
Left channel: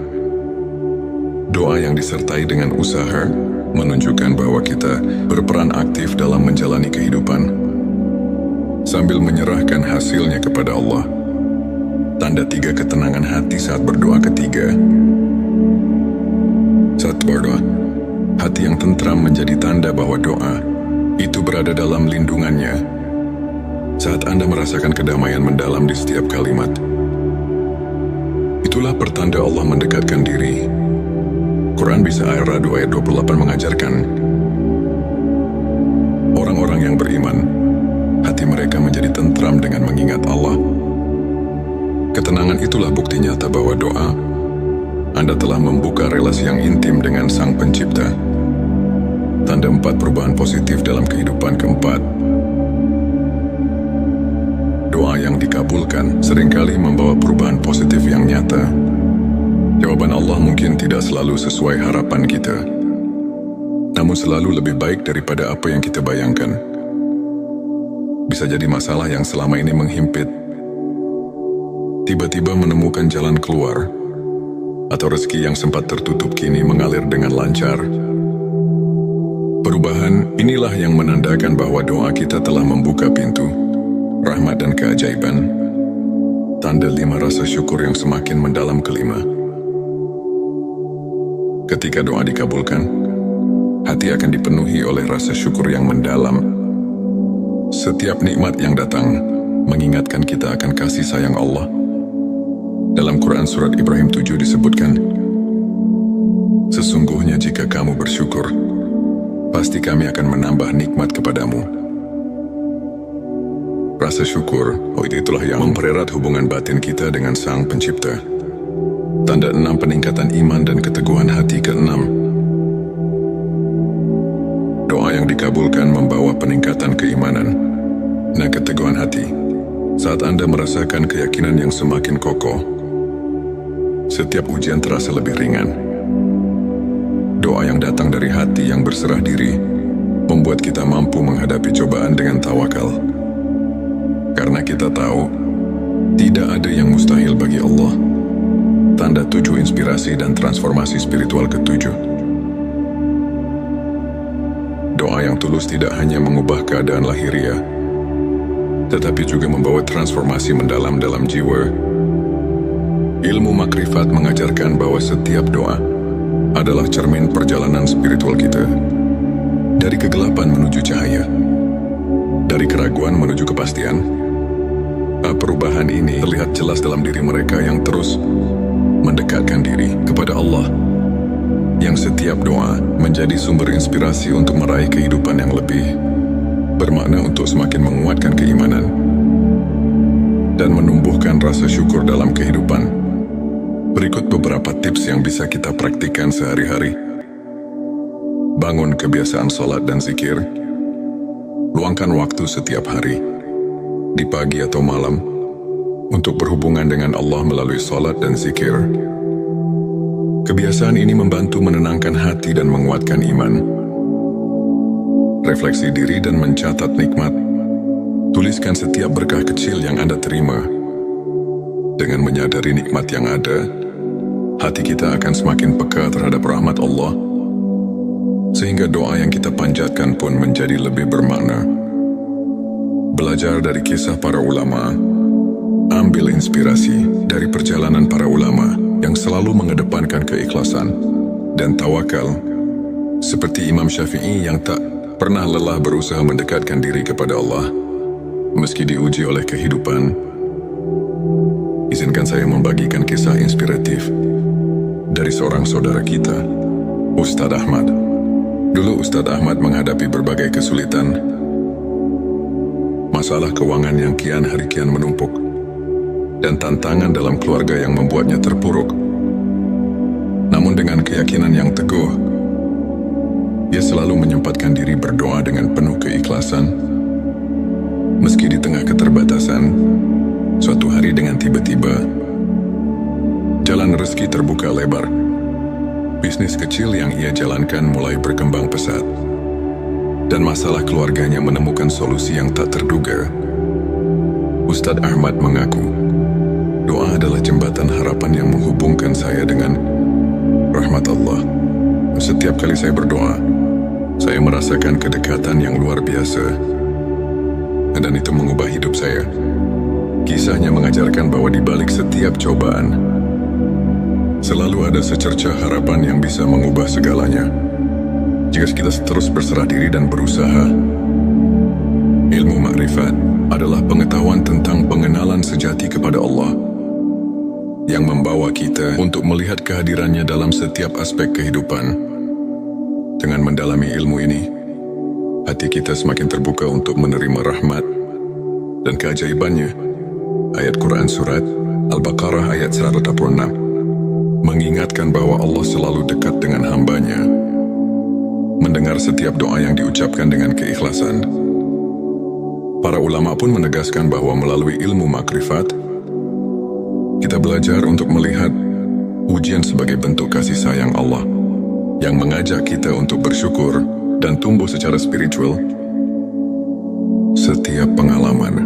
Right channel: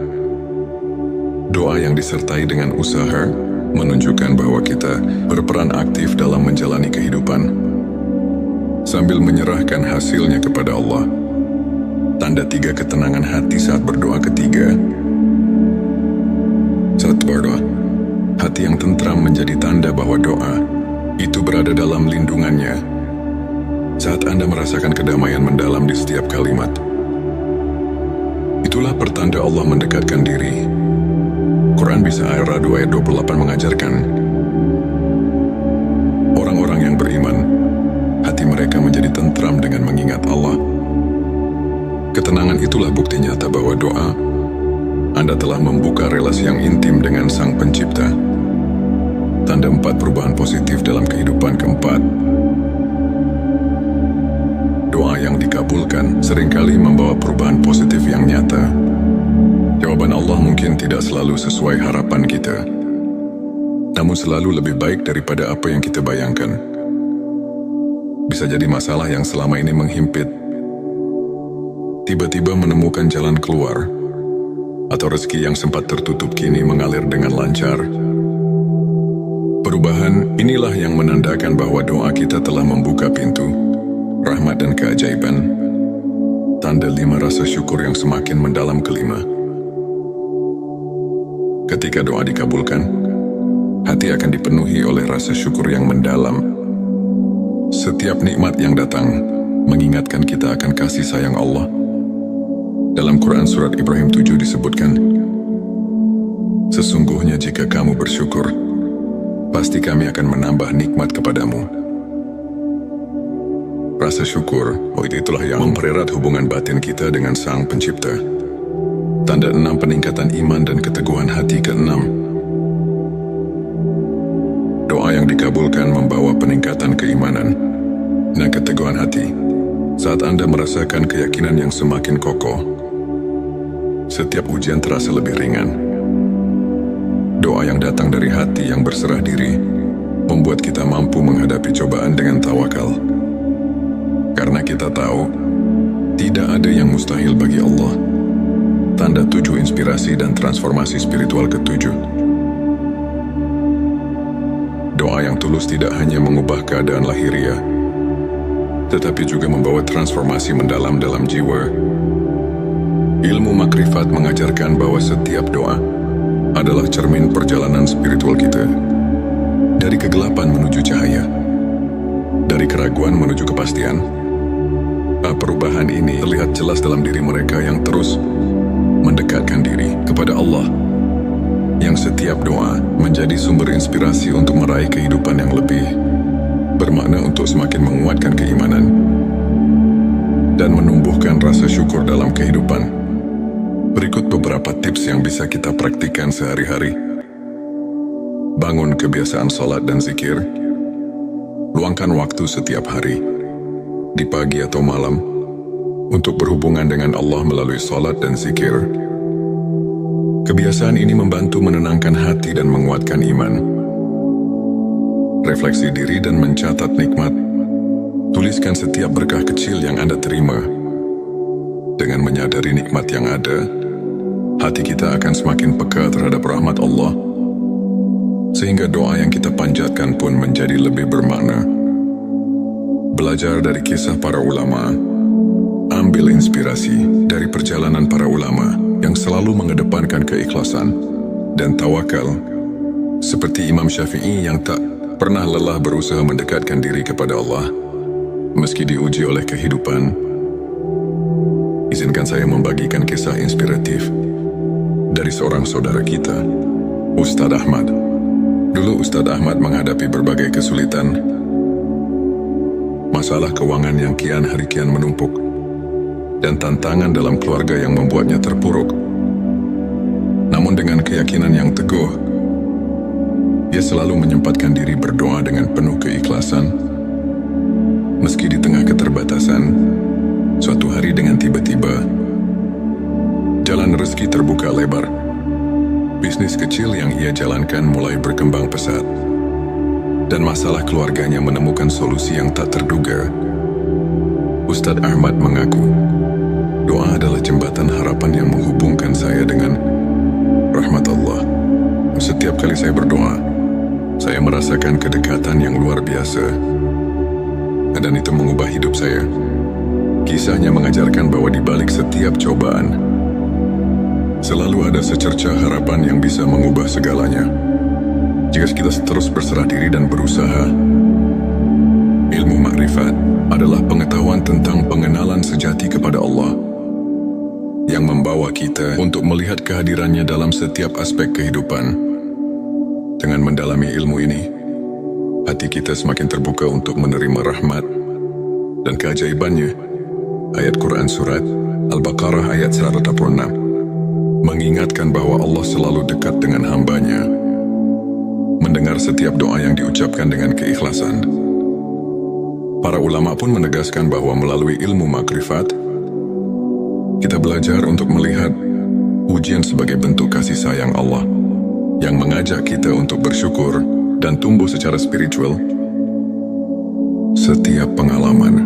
Doa yang disertai dengan usaha menunjukkan bahwa kita berperan aktif dalam menjalani kehidupan sambil menyerahkan hasilnya kepada Allah. Tanda 3 ketenangan hati saat berdoa ketiga. Saat berdoa, hati yang tentram menjadi tanda bahwa doa itu berada dalam lindungannya. Saat Anda merasakan kedamaian mendalam di setiap kalimat, itulah pertanda Allah mendekatkan diri. Quran bisa Ar-Ra'd ayat 28 mengajarkan, orang-orang yang beriman, hati mereka menjadi tentram dengan mengingat Allah. Ketenangan itulah bukti nyata bahwa doa Anda telah membuka relasi yang intim dengan Sang Pencipta. Tanda 4 perubahan positif dalam kehidupan. Keempat, doa yang dikabulkan seringkali membawa perubahan positif yang nyata. Jawaban Allah mungkin tidak selalu sesuai harapan kita, namun selalu lebih baik daripada apa yang kita bayangkan. Bisa jadi masalah yang selama ini menghimpit tiba-tiba menemukan jalan keluar, atau rezeki yang sempat tertutup kini mengalir dengan lancar. Perubahan inilah yang menandakan bahwa doa kita telah membuka pintu rahmat dan keajaiban. Tanda 5 rasa syukur yang semakin mendalam. Kelima, ketika doa dikabulkan, hati akan dipenuhi oleh rasa syukur yang mendalam. Setiap nikmat yang datang mengingatkan kita akan kasih sayang Allah. Dalam Quran Surat Ibrahim 7 disebutkan, sesungguhnya jika kamu bersyukur, pasti kami akan menambah nikmat kepadamu. Rasa syukur, itulah yang mempererat hubungan batin kita dengan Sang Pencipta. Tanda 6 peningkatan iman dan keteguhan hati. Keenam, doa yang dikabulkan membawa peningkatan keimanan dan keteguhan hati. Saat Anda merasakan keyakinan yang semakin kokoh, setiap ujian terasa lebih ringan. Doa yang datang dari hati yang berserah diri membuat kita mampu menghadapi cobaan dengan tawakal. Karena kita tahu, tidak ada yang mustahil bagi Allah. Tanda 7 inspirasi dan transformasi spiritual. Ketujuh, doa yang tulus tidak hanya mengubah keadaan lahiriah, tetapi juga membawa transformasi mendalam dalam jiwa. Ilmu makrifat mengajarkan bahwa setiap doa adalah cermin perjalanan spiritual kita. Dari kegelapan menuju cahaya, dari keraguan menuju kepastian. Perubahan ini terlihat jelas dalam diri mereka yang terus mendekatkan diri kepada Allah, yang setiap doa menjadi sumber inspirasi untuk meraih kehidupan yang lebih bermakna, untuk semakin menguatkan keimanan dan menumbuhkan rasa syukur dalam kehidupan. Berikut beberapa tips yang bisa kita praktikkan sehari-hari. Bangun kebiasaan sholat dan zikir. Luangkan waktu setiap hari, di pagi atau malam, untuk berhubungan dengan Allah melalui sholat dan zikir. Kebiasaan ini membantu menenangkan hati dan menguatkan iman. Refleksi diri dan mencatat nikmat. Tuliskan setiap berkah kecil yang Anda terima. Dengan menyadari nikmat yang ada, hati kita akan semakin peka terhadap rahmat Allah, sehingga doa yang kita panjatkan pun menjadi lebih bermakna. Belajar dari kisah para ulama. Ambil inspirasi dari perjalanan para ulama yang selalu mengedepankan keikhlasan dan tawakal, seperti Imam Syafi'i yang tak pernah lelah berusaha mendekatkan diri kepada Allah meski diuji oleh kehidupan. Izinkan saya membagikan kisah inspiratif dari seorang saudara kita, Ustadz Ahmad. Dulu Ustadz Ahmad menghadapi berbagai kesulitan, masalah keuangan yang kian hari kian menumpuk, dan tantangan dalam keluarga yang membuatnya terpuruk. Namun dengan keyakinan yang teguh, ia selalu menyempatkan diri berdoa dengan penuh keikhlasan. Meski di tengah keterbatasan, suatu hari dengan tiba-tiba, jalan rezeki terbuka lebar. Bisnis kecil yang ia jalankan mulai berkembang pesat, dan masalah keluarganya menemukan solusi yang tak terduga. Ustadz Ahmad mengaku, doa adalah jembatan harapan yang menghubungkan saya dengan rahmat Allah. Setiap kali saya berdoa, saya merasakan kedekatan yang luar biasa. Dan itu mengubah hidup saya. Kisahnya mengajarkan bahwa di balik setiap cobaan, selalu ada secercah harapan yang bisa mengubah segalanya. Jika kita terus berserah diri dan berusaha. Ilmu makrifat adalah pengetahuan tentang pengenalan sejati kepada Allah yang membawa kita untuk melihat kehadirannya dalam setiap aspek kehidupan. Dengan mendalami ilmu ini, hati kita semakin terbuka untuk menerima rahmat dan keajaibannya. Ayat Quran Surat Al-Baqarah ayat 186 mengingatkan bahwa Allah selalu dekat dengan hambanya, mendengar setiap doa yang diucapkan dengan keikhlasan. Para ulama pun menegaskan bahwa melalui ilmu makrifat, kita belajar untuk melihat ujian sebagai bentuk kasih sayang Allah yang mengajak kita untuk bersyukur dan tumbuh secara spiritual. Setiap pengalaman,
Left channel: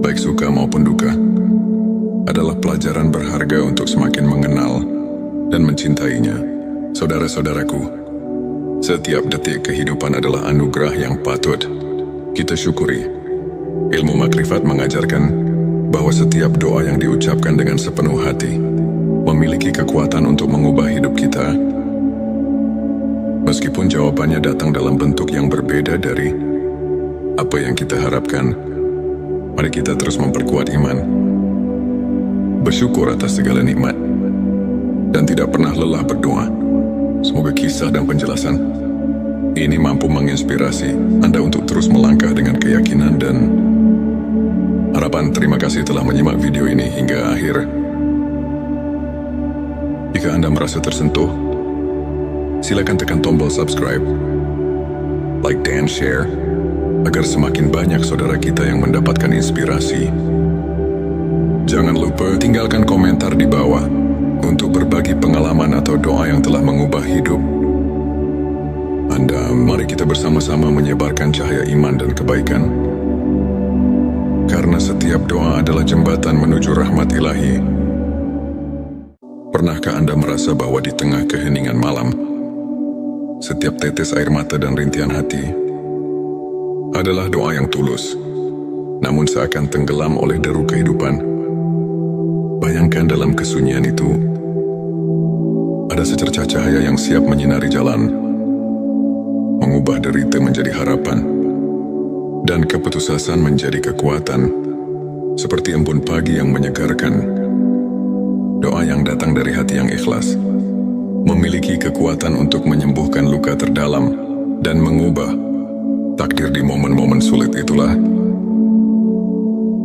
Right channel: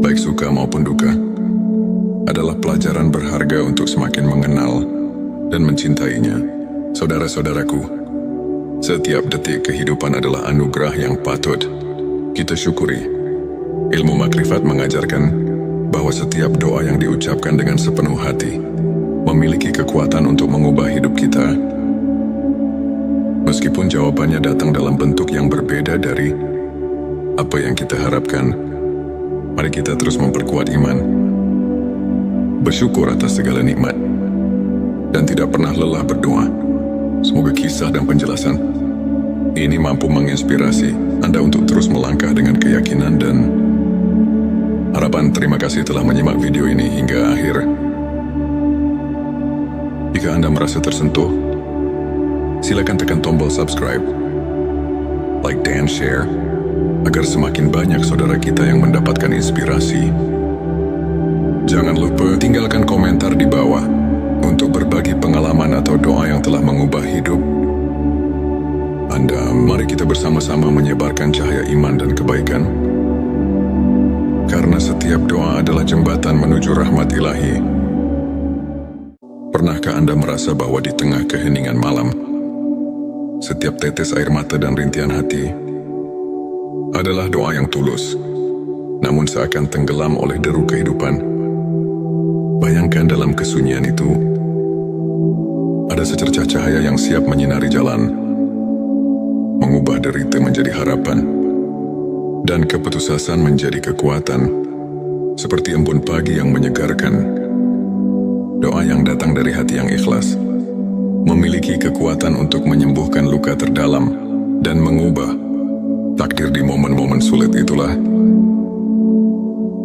baik suka maupun duka, adalah pelajaran berharga untuk semakin mengenal dan mencintainya. Saudara-saudaraku, setiap detik kehidupan adalah anugerah yang patut kita syukuri. Ilmu makrifat mengajarkan bahwa setiap doa yang diucapkan dengan sepenuh hati memiliki kekuatan untuk mengubah hidup kita. Meskipun jawabannya datang dalam bentuk yang berbeda dari apa yang kita harapkan, mari kita terus memperkuat iman, bersyukur atas segala nikmat, dan tidak pernah lelah berdoa. Semoga kisah dan penjelasan ini mampu menginspirasi Anda untuk terus melangkah dengan keyakinan dan harapan. Terima kasih telah menyimak video ini hingga akhir. Jika Anda merasa tersentuh, silakan tekan tombol subscribe, like dan share, agar semakin banyak saudara kita yang mendapatkan inspirasi. Jangan lupa tinggalkan komentar di bawah untuk berbagi pengalaman atau doa yang telah mengubah hidup Anda. Mari kita bersama-sama menyebarkan cahaya iman dan kebaikan. Karena setiap doa adalah jembatan menuju rahmat ilahi. Pernahkah Anda merasa bahwa di tengah keheningan malam, setiap tetes air mata dan rintihan hati adalah doa yang tulus, namun seakan tenggelam oleh deru kehidupan? Bayangkan dalam kesunyian itu, ada secercah cahaya yang siap menyinari jalan, mengubah derita menjadi harapan, dan keputusasaan menjadi kekuatan, seperti embun pagi yang menyegarkan. Doa yang datang dari hati yang ikhlas memiliki kekuatan untuk menyembuhkan luka terdalam dan mengubah takdir. Di momen-momen sulit itulah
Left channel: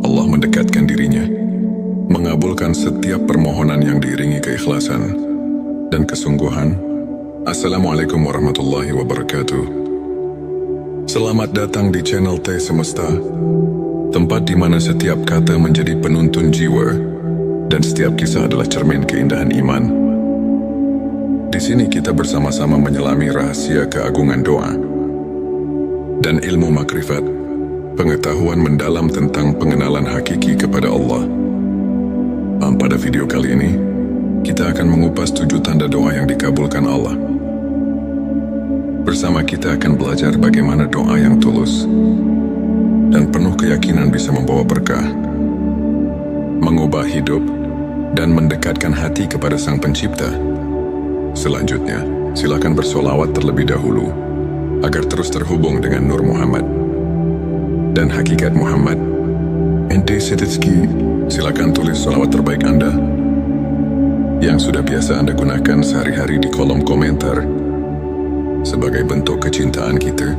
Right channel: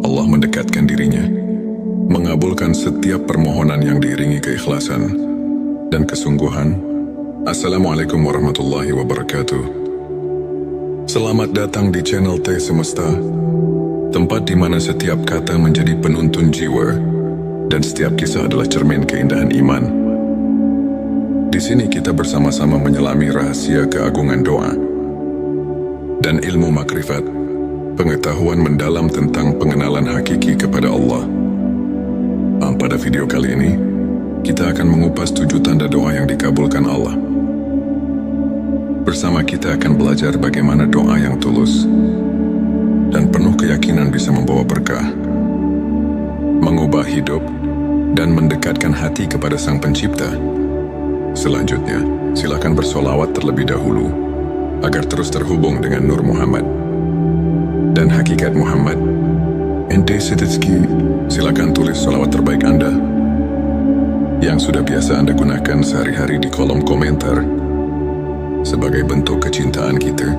Allah mendekatkan dirinya, mengabulkan setiap permohonan yang diiringi keikhlasan dan kesungguhan. Assalamualaikum warahmatullahi wabarakatuh. Selamat datang di channel T Semesta, tempat di mana setiap kata menjadi penuntun jiwa dan setiap kisah adalah cermin keindahan iman. Di sini kita bersama-sama menyelami rahasia keagungan doa dan ilmu makrifat, pengetahuan mendalam tentang pengenalan hakiki kepada Allah. Pada video kali ini, kita akan mengupas 7 tanda doa yang dikabulkan Allah. Bersama kita akan belajar bagaimana doa yang tulus dan penuh keyakinan bisa membawa berkah, mengubah hidup, dan mendekatkan hati kepada Sang Pencipta. Selanjutnya, silakan bersolawat terlebih dahulu agar terus terhubung dengan Nur Muhammad dan hakikat Muhammad. Ente Setitski, silakan tulis solawat terbaik Anda yang sudah biasa Anda gunakan sehari-hari di kolom komentar sebagai bentuk kecintaan kita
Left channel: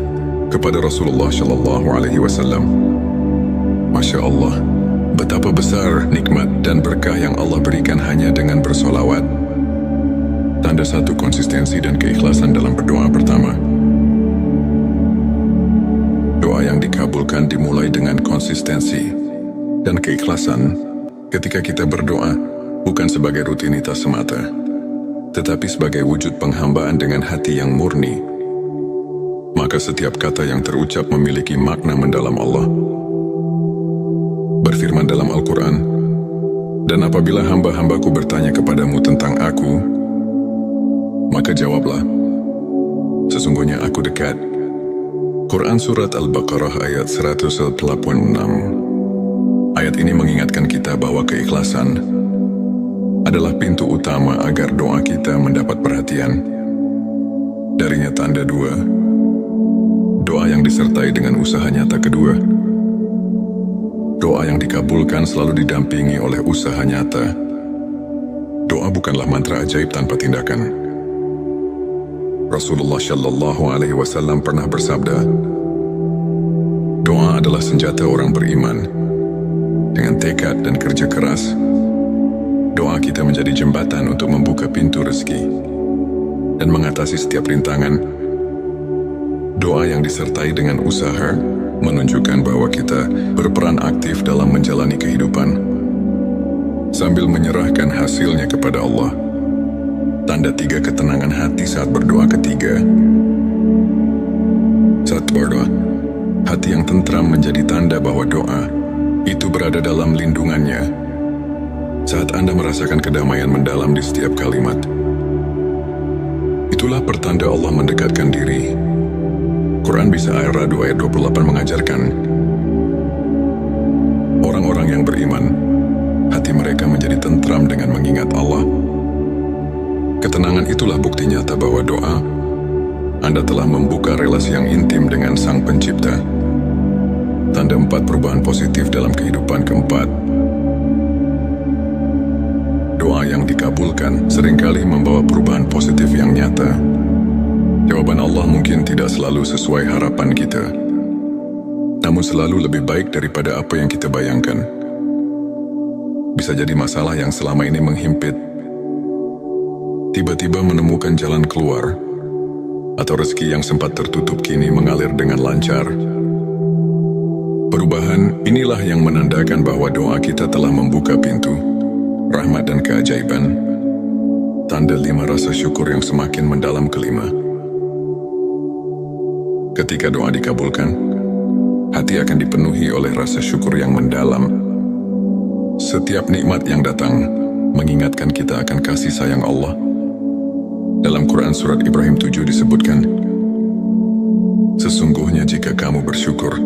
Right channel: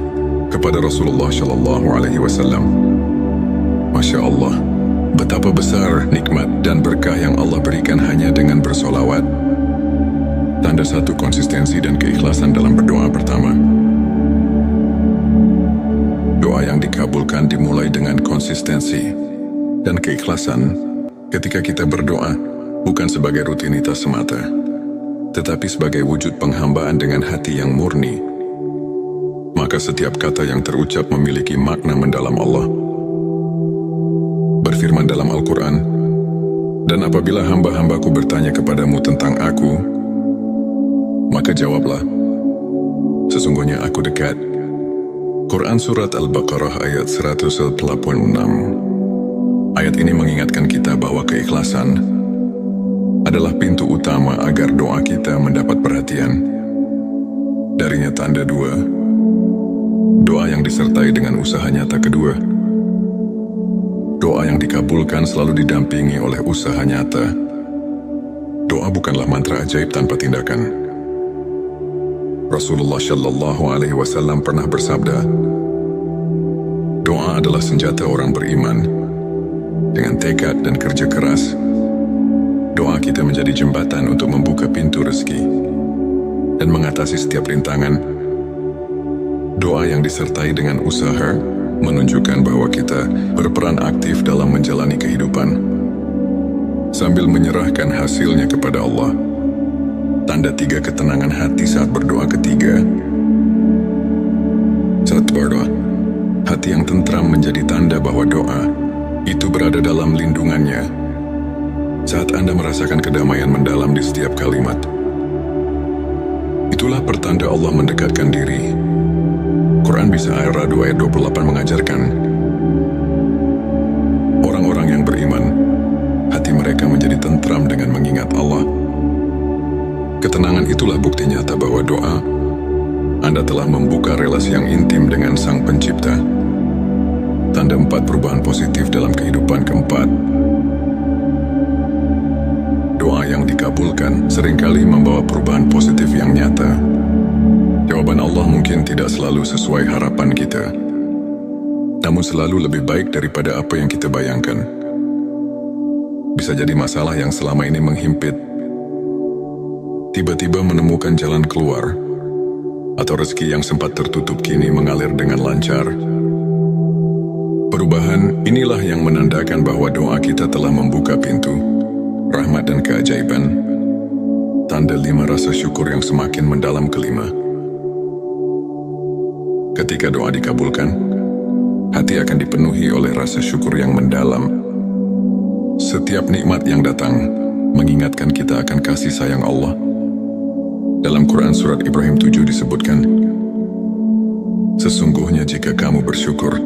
kepada Rasulullah Shallallahu Alaihi Wasallam. Masya Allah, betapa besar nikmat dan berkah yang Allah berikan hanya dengan bersolawat. Tanda satu konsistensi dan keikhlasan dalam berdoa. Pertama, doa yang dikabulkan dimulai dengan konsistensi dan keikhlasan. Ketika kita berdoa, bukan sebagai rutinitas semata, tetapi sebagai wujud penghambaan dengan hati yang murni, maka setiap kata yang terucap memiliki makna mendalam. Allah berfirman dalam Al-Quran, "Dan apabila hamba-hambaku bertanya kepadamu tentang aku, Maka jawablah, sesungguhnya aku dekat. Quran Surat Al-Baqarah ayat 186. Ayat ini mengingatkan kita bahwa keikhlasan adalah pintu utama agar doa kita mendapat perhatian. Darinya tanda dua, doa yang disertai dengan usaha nyata kedua. Doa yang dikabulkan selalu didampingi oleh usaha nyata. Doa bukanlah mantra ajaib tanpa tindakan. Rasulullah Shallallahu Alaihi Wasallam pernah bersabda, doa adalah senjata orang beriman. Dengan tekad dan kerja keras, doa kita menjadi jembatan untuk membuka pintu rezeki dan mengatasi setiap rintangan. Doa yang disertai dengan usaha menunjukkan bahwa kita berperan aktif dalam menjalani kehidupan sambil menyerahkan hasilnya kepada Allah. Tanda tiga ketenangan hati saat berdoa ketiga. Saat berdoa, hati yang tentram menjadi tanda bahwa doa itu berada dalam lindungannya. Saat Anda merasakan kedamaian mendalam di setiap kalimat, itulah pertanda Allah mendekatkan diri. Quran Bisa Ar-Ra'd ayat 28 mengajarkan, orang-orang yang beriman, hati mereka menjadi tentram dengan mengingat Allah. Ketenangan itulah bukti nyata bahwa doa Anda telah membuka relasi yang intim dengan Sang Pencipta. Tanda 4 perubahan positif dalam kehidupan keempat. Doa yang dikabulkan seringkali membawa perubahan positif yang nyata. Jawaban Allah mungkin tidak selalu sesuai harapan kita, namun selalu lebih baik daripada apa yang kita bayangkan. Bisa jadi masalah yang selama ini menghimpit tiba-tiba menemukan jalan keluar, atau rezeki yang sempat tertutup kini mengalir dengan lancar. Perubahan inilah yang menandakan bahwa doa kita telah membuka pintu rahmat dan keajaiban. Tanda 5 rasa syukur yang semakin mendalam kelima. Ketika doa dikabulkan, hati akan dipenuhi oleh rasa syukur yang mendalam. Setiap nikmat yang datang mengingatkan kita akan kasih sayang Allah. Dalam Quran Surat Ibrahim 7 disebutkan, sesungguhnya jika kamu bersyukur,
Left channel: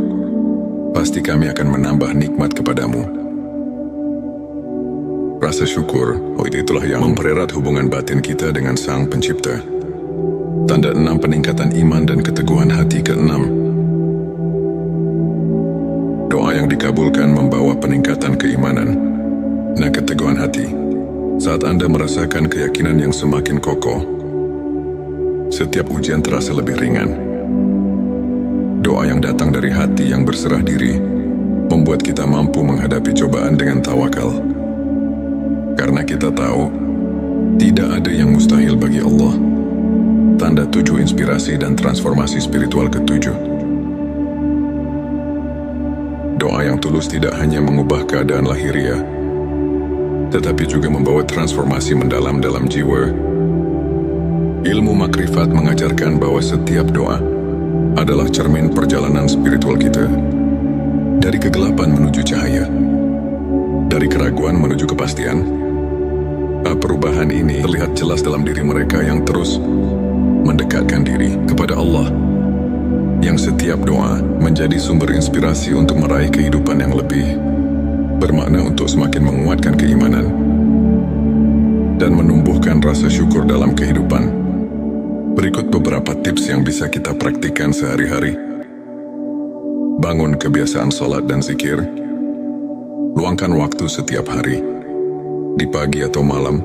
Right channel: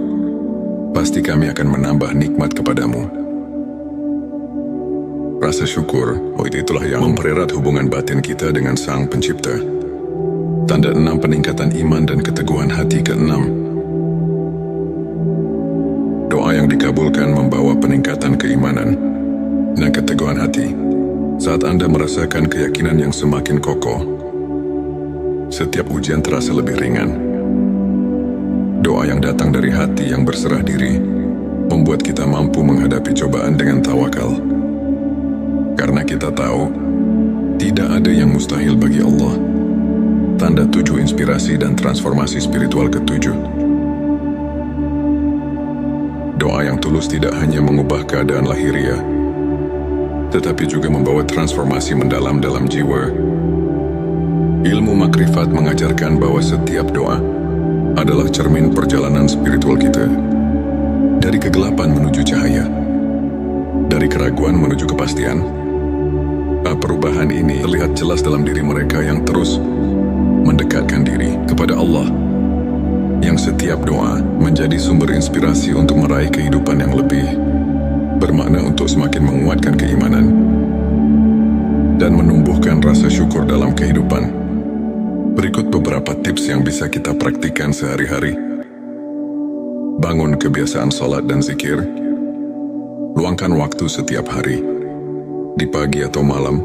pasti kami akan menambah nikmat kepadamu. Rasa syukur, itulah yang mempererat hubungan batin kita dengan Sang Pencipta. Tanda 6 peningkatan iman dan keteguhan hati ke-6. Doa yang dikabulkan membawa peningkatan keimanan dan keteguhan hati. Saat Anda merasakan keyakinan yang semakin kokoh, setiap ujian terasa lebih ringan. Doa yang datang dari hati yang berserah diri membuat kita mampu menghadapi cobaan dengan tawakal. Karena kita tahu, tidak ada yang mustahil bagi Allah. Tanda 7 inspirasi dan transformasi spiritual ke-7. Doa yang tulus tidak hanya mengubah keadaan lahiriah, tetapi juga membawa transformasi mendalam dalam jiwa. Ilmu makrifat mengajarkan bahwa setiap doa adalah cermin perjalanan spiritual kita. Dari kegelapan menuju cahaya, dari keraguan menuju kepastian. Perubahan ini terlihat jelas dalam diri mereka yang terus mendekatkan diri kepada Allah, yang setiap doa menjadi sumber inspirasi untuk meraih kehidupan yang lebih bermakna, untuk semakin menguatkan keimanan dan menumbuhkan rasa syukur dalam kehidupan. Berikut beberapa tips yang bisa kita praktikkan sehari-hari. Bangun kebiasaan sholat dan zikir. Luangkan waktu setiap hari, di pagi atau malam,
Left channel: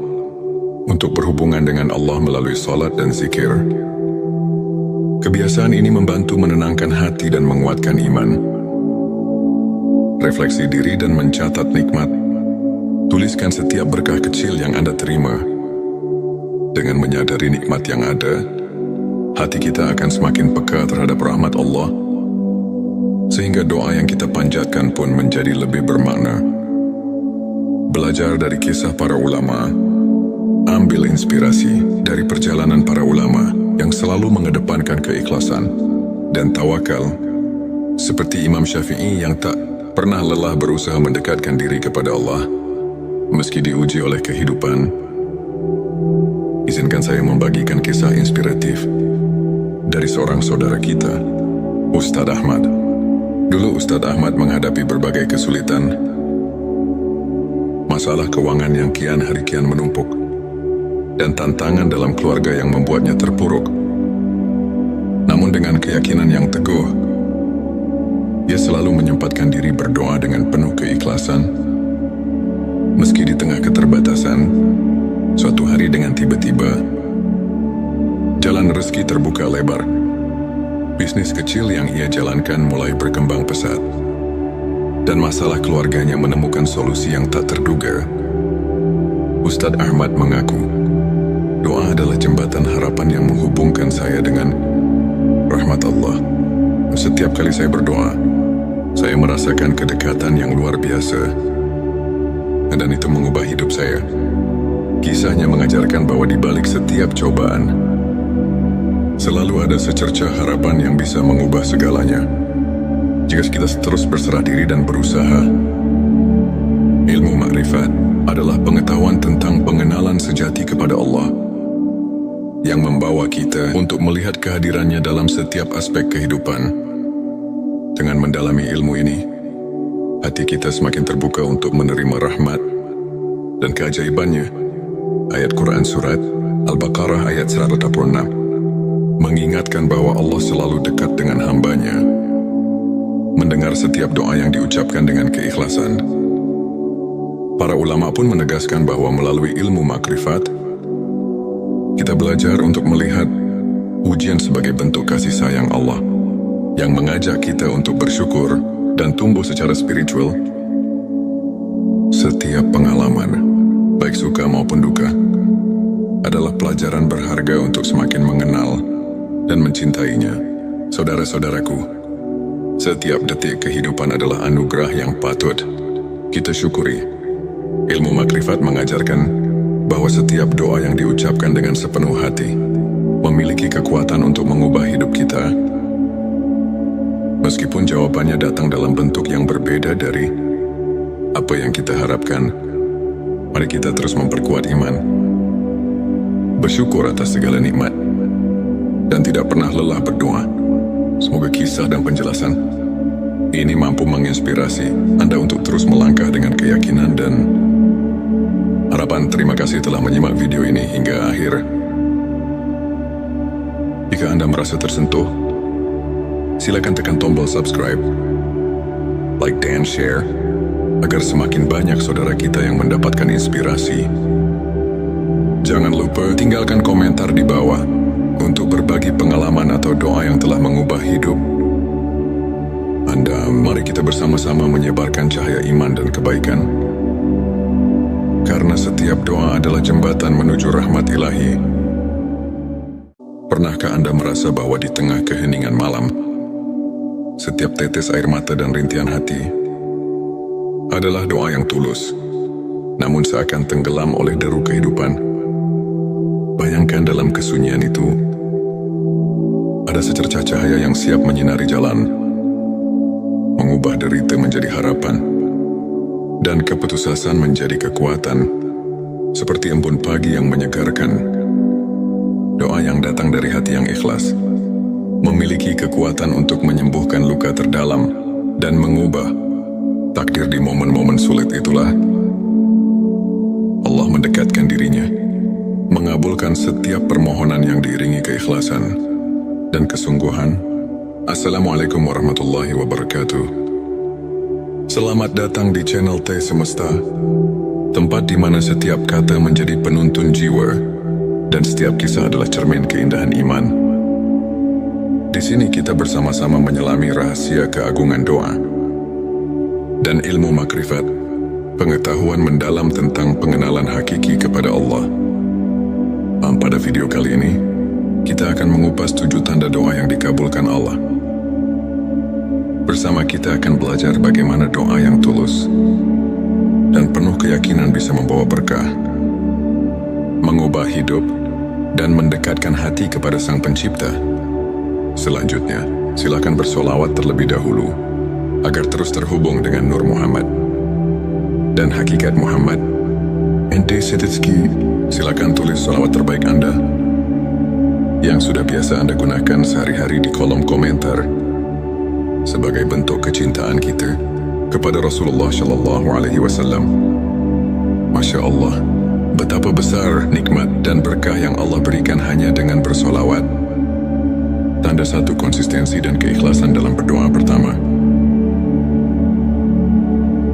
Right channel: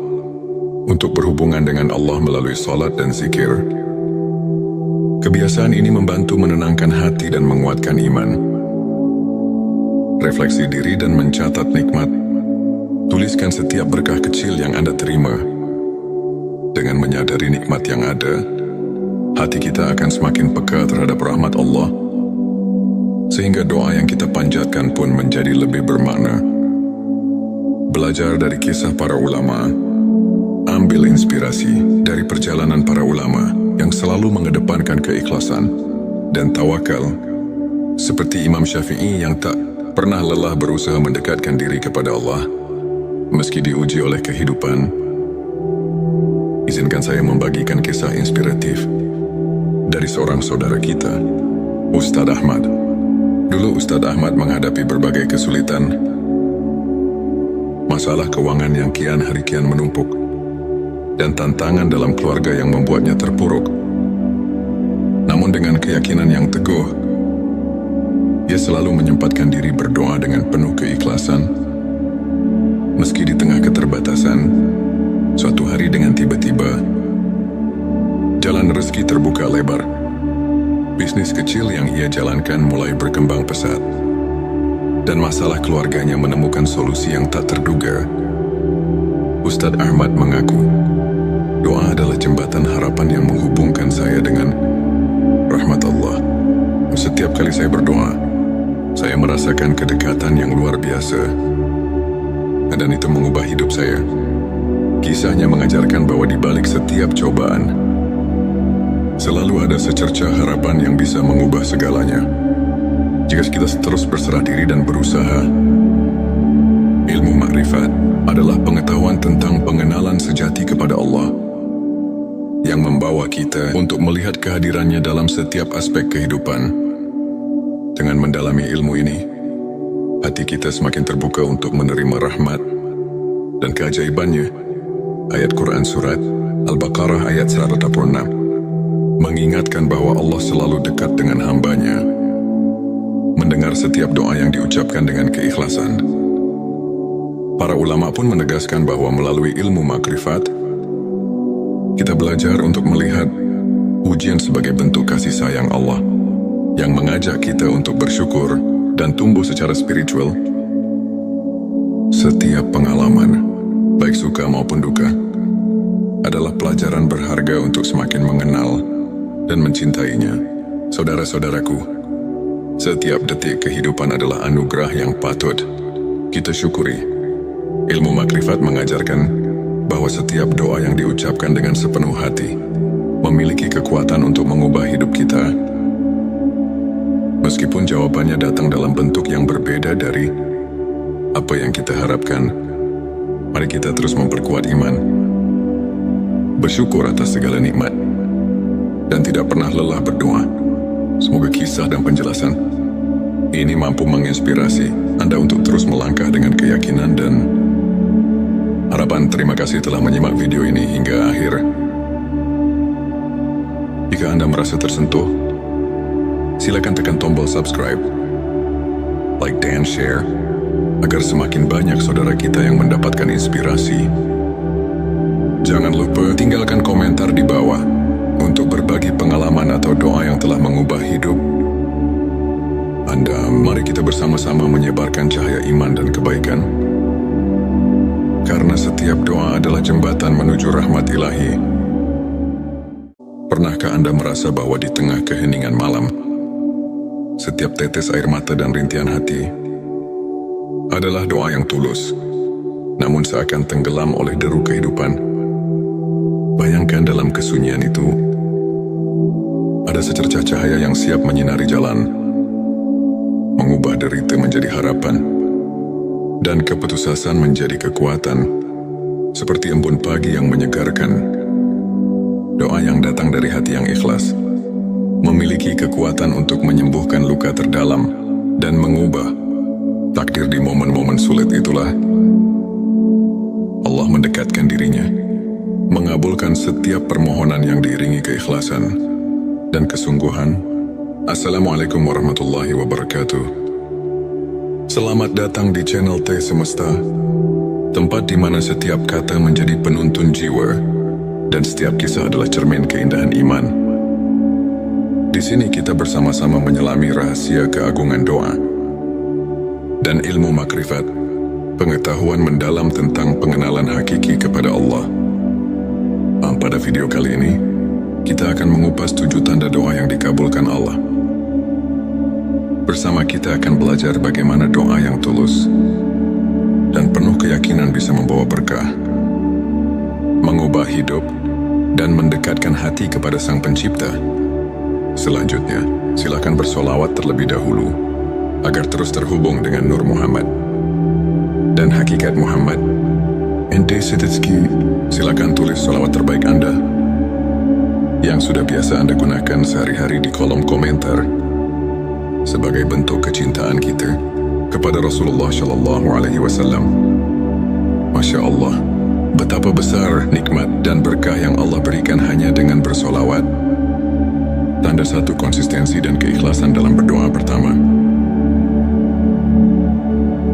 untuk berhubungan dengan Allah melalui sholat dan zikir. Kebiasaan ini membantu menenangkan hati dan menguatkan iman. Refleksi diri dan mencatat nikmat. Tuliskan setiap berkah kecil yang Anda terima. Dengan menyadari nikmat yang ada, hati kita akan semakin peka terhadap rahmat Allah, sehingga doa yang kita panjatkan pun menjadi lebih bermakna. Belajar dari kisah para ulama. Ambil inspirasi dari perjalanan para ulama yang selalu mengedepankan keikhlasan dan tawakal, seperti Imam Syafi'i yang tak pernah lelah berusaha mendekatkan diri kepada Allah meski diuji oleh kehidupan. izinkan saya membagikan kisah inspiratif dari seorang saudara kita, Ustadz Ahmad. Dulu Ustadz Ahmad menghadapi berbagai kesulitan, masalah keuangan yang kian hari kian menumpuk, dan tantangan dalam keluarga yang membuatnya terpuruk. Namun dengan keyakinan yang teguh, ia selalu menyempatkan diri berdoa dengan penuh keikhlasan. Meski di tengah keterbatasan, suatu hari dengan tiba-tiba, jalan rezeki terbuka lebar. Bisnis kecil yang ia jalankan mulai berkembang pesat, dan masalah keluarganya menemukan solusi yang tak terduga. Ustadz Ahmad mengaku, doa adalah jembatan harapan yang menghubungkan saya dengan rahmat Allah. Setiap kali saya berdoa, saya merasakan kedekatan yang luar biasa, dan itu mengubah hidup saya. Kisahnya mengajarkan bahwa di balik setiap cobaan, selalu ada secercah harapan yang bisa mengubah segalanya. Jika kita terus berserah diri dan berusaha. Ilmu makrifat adalah pengetahuan tentang pengenalan sejati kepada Allah, yang membawa kita untuk melihat kehadirannya dalam setiap aspek kehidupan. Dengan mendalami ilmu ini, hati kita semakin terbuka untuk menerima rahmat dan keajaibannya. Ayat Quran Surat Al-Baqarah ayat 186 mengingatkan bahwa Allah selalu dekat dengan hambanya, mendengar setiap doa yang diucapkan dengan keikhlasan. Para ulama pun menegaskan bahwa melalui ilmu makrifat, kita belajar untuk melihat ujian sebagai bentuk kasih sayang Allah, yang mengajak kita untuk bersyukur dan tumbuh secara spiritual. Setiap pengalaman, baik suka maupun duka, adalah pelajaran berharga untuk semakin mengenal dan mencintainya. Saudara-saudaraku, setiap detik kehidupan adalah anugerah yang patut kita syukuri. Ilmu makrifat mengajarkan bahwa setiap doa yang diucapkan dengan sepenuh hati memiliki kekuatan untuk mengubah hidup kita. Meskipun jawabannya datang dalam bentuk yang berbeda dari apa yang kita harapkan, mari kita terus memperkuat iman, bersyukur atas segala nikmat, dan tidak pernah lelah berdoa. Semoga kisah dan penjelasan ini mampu menginspirasi Anda untuk terus melangkah dengan keyakinan dan harapan. Terima kasih telah menyimak video ini hingga akhir. Jika Anda merasa tersentuh, silakan tekan tombol subscribe, like dan share, agar semakin banyak saudara kita yang mendapatkan inspirasi. Jangan lupa tinggalkan komentar di bawah untuk berbagi pengalaman atau doa yang telah mengubah hidup Anda. Mari kita bersama-sama menyebarkan cahaya iman dan kebaikan, karena setiap doa adalah jembatan menuju rahmat ilahi. Pernahkah Anda merasa bahwa di tengah keheningan malam, setiap tetes air mata dan rintihan hati adalah doa yang tulus, namun seakan tenggelam oleh deru kehidupan? Bayangkan dalam kesunyian itu, ada secercah cahaya yang siap menyinari jalan, mengubah derita menjadi harapan, dan keputusasaan menjadi kekuatan, seperti embun pagi yang menyegarkan. Doa yang datang dari hati yang ikhlas memiliki kekuatan untuk menyembuhkan luka terdalam dan mengubah takdir. Di momen-momen sulit itulah Allah mendekatkan dirinya, mengabulkan setiap permohonan yang diiringi keikhlasan dan kesungguhan. Assalamualaikum warahmatullahi wabarakatuh. Selamat datang di channel T Semesta, tempat di mana setiap kata menjadi penuntun jiwa dan setiap kisah adalah cermin keindahan iman. Di sini kita bersama-sama menyelami rahasia keagungan doa dan ilmu makrifat, pengetahuan mendalam tentang pengenalan hakiki kepada Allah. Pada video kali ini, kita akan mengupas 7 tanda doa yang dikabulkan Allah. Bersama kita akan belajar bagaimana doa yang tulus dan penuh keyakinan bisa membawa berkah, mengubah hidup, dan mendekatkan hati kepada Sang Pencipta. Selanjutnya, silakan bersolawat terlebih dahulu agar terus terhubung dengan Nur Muhammad dan hakikat Muhammad Ente Setitski, silakan tulis salawat terbaik Anda yang sudah biasa Anda gunakan sehari-hari di kolom komentar sebagai bentuk kecintaan kita kepada Rasulullah Shallallahu Alaihi Wasallam. Masya Allah, betapa besar nikmat dan berkah yang Allah berikan hanya dengan bersolawat. Tanda satu konsistensi dan keikhlasan dalam berdoa pertama.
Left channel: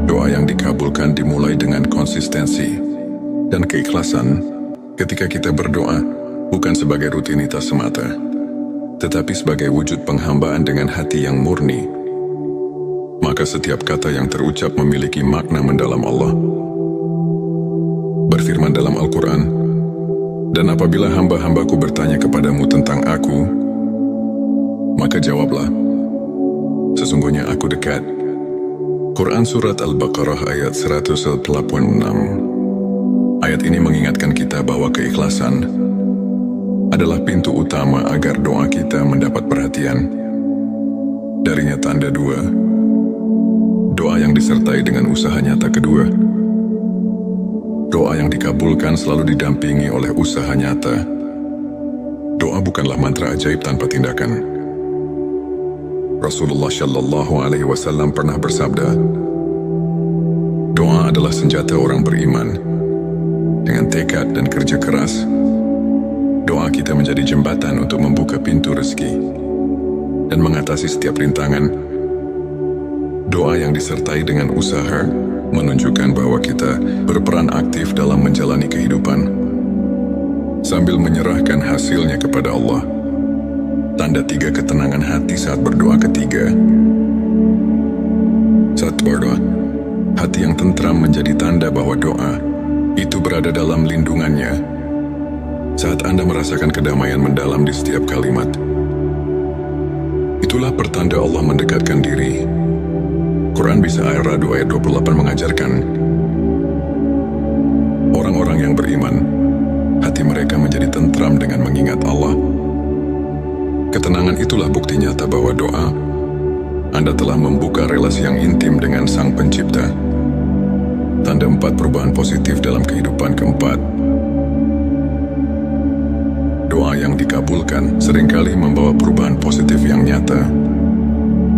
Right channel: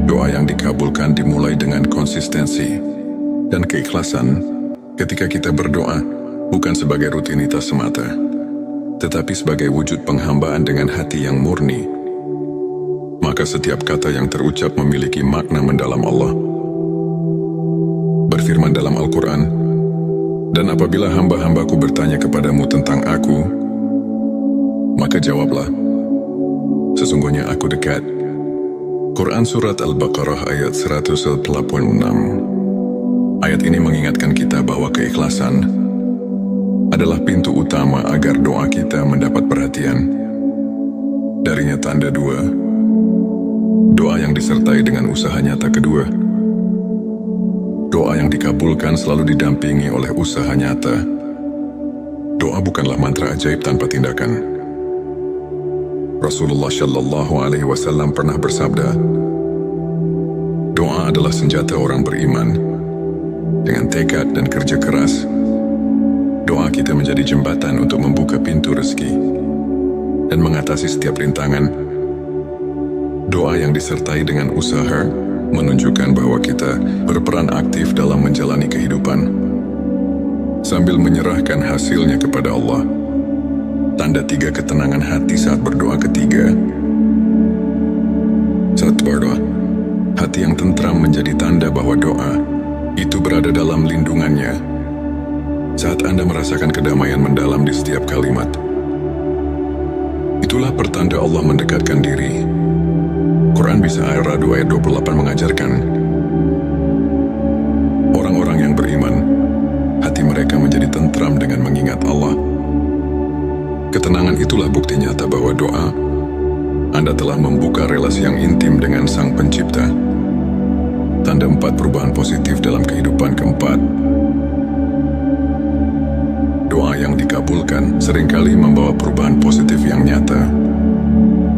Doa yang dikabulkan dimulai dengan konsistensi dan keikhlasan ketika kita berdoa bukan sebagai rutinitas semata, tetapi sebagai wujud penghambaan dengan hati yang murni. Maka setiap kata yang terucap memiliki makna mendalam. Allah berfirman dalam Al-Quran, "Dan apabila hamba-hambaku bertanya kepadamu tentang aku, maka jawablah, sesungguhnya aku dekat." Quran Surat Al-Baqarah ayat 186. Ayat ini mengingatkan kita bahwa keikhlasan adalah pintu utama agar doa kita mendapat perhatian. Darinya tanda dua, doa yang disertai dengan usaha nyata kedua. Doa yang dikabulkan selalu didampingi oleh usaha nyata. Doa bukanlah mantra ajaib tanpa tindakan. Rasulullah Shallallahu Alaihi Wasallam pernah bersabda, doa adalah senjata orang beriman. Dengan tekad dan kerja keras, doa kita menjadi jembatan untuk membuka pintu rezeki dan mengatasi setiap rintangan. Doa yang disertai dengan usaha menunjukkan bahwa kita berperan aktif dalam menjalani kehidupan sambil menyerahkan hasilnya kepada Allah. Tanda tiga ketenangan hati saat berdoa ketiga. Saat berdoa, hati yang tentram menjadi tanda bahwa doa itu berada dalam lindungannya. Saat Anda merasakan kedamaian mendalam di setiap kalimat, itulah pertanda Allah mendekatkan diri. Quran Bisa Ar-Ra'd ayat 28 mengajarkan, orang-orang yang beriman, hati mereka menjadi tentram dengan mengingat Allah. Ketenangan itulah bukti nyata bahwa doa Anda telah membuka relasi yang intim dengan Sang Pencipta. Tanda 4 perubahan positif dalam kehidupan. Keempat, doa yang dikabulkan seringkali membawa perubahan positif yang nyata.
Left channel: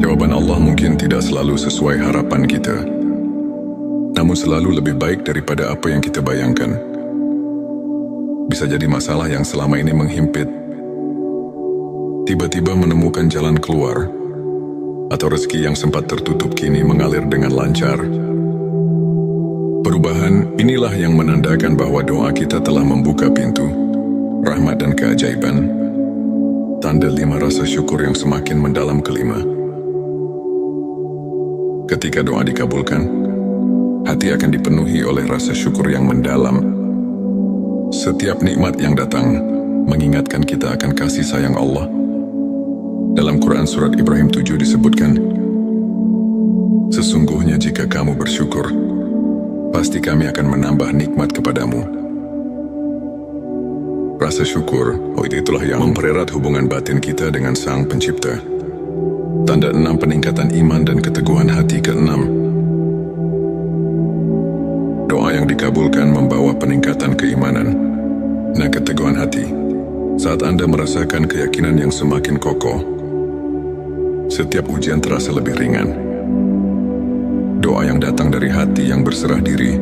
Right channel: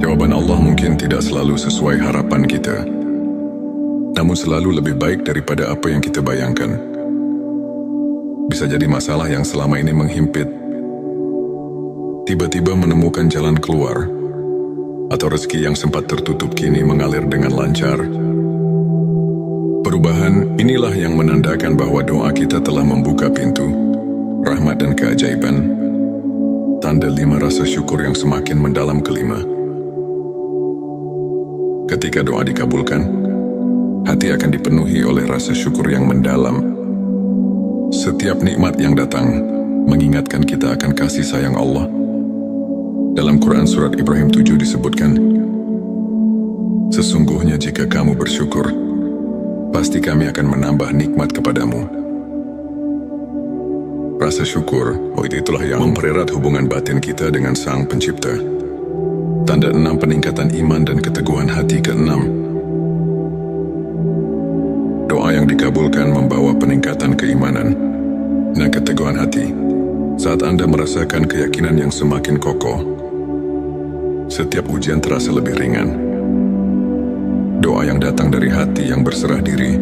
Jawaban Allah mungkin tidak selalu sesuai harapan kita, namun selalu lebih baik daripada apa yang kita bayangkan. Bisa jadi masalah yang selama ini menghimpit tiba-tiba menemukan jalan keluar, atau rezeki yang sempat tertutup kini mengalir dengan lancar. Perubahan inilah yang menandakan bahwa doa kita telah membuka pintu rahmat dan keajaiban. Tanda 5 rasa syukur yang semakin mendalam. Kelima, ketika doa dikabulkan, hati akan dipenuhi oleh rasa syukur yang mendalam. Setiap nikmat yang datang mengingatkan kita akan kasih sayang Allah. Dalam Quran Surat Ibrahim 7 disebutkan, sesungguhnya jika kamu bersyukur, pasti kami akan menambah nikmat kepadamu. Rasa syukur, itulah yang mempererat hubungan batin kita dengan Sang Pencipta. Tanda 6 peningkatan iman dan keteguhan hati. Keenam, doa yang dikabulkan membawa peningkatan keimanan dan keteguhan hati. Saat Anda merasakan keyakinan yang semakin kokoh, setiap ujian terasa lebih ringan. Doa yang datang dari hati yang berserah diri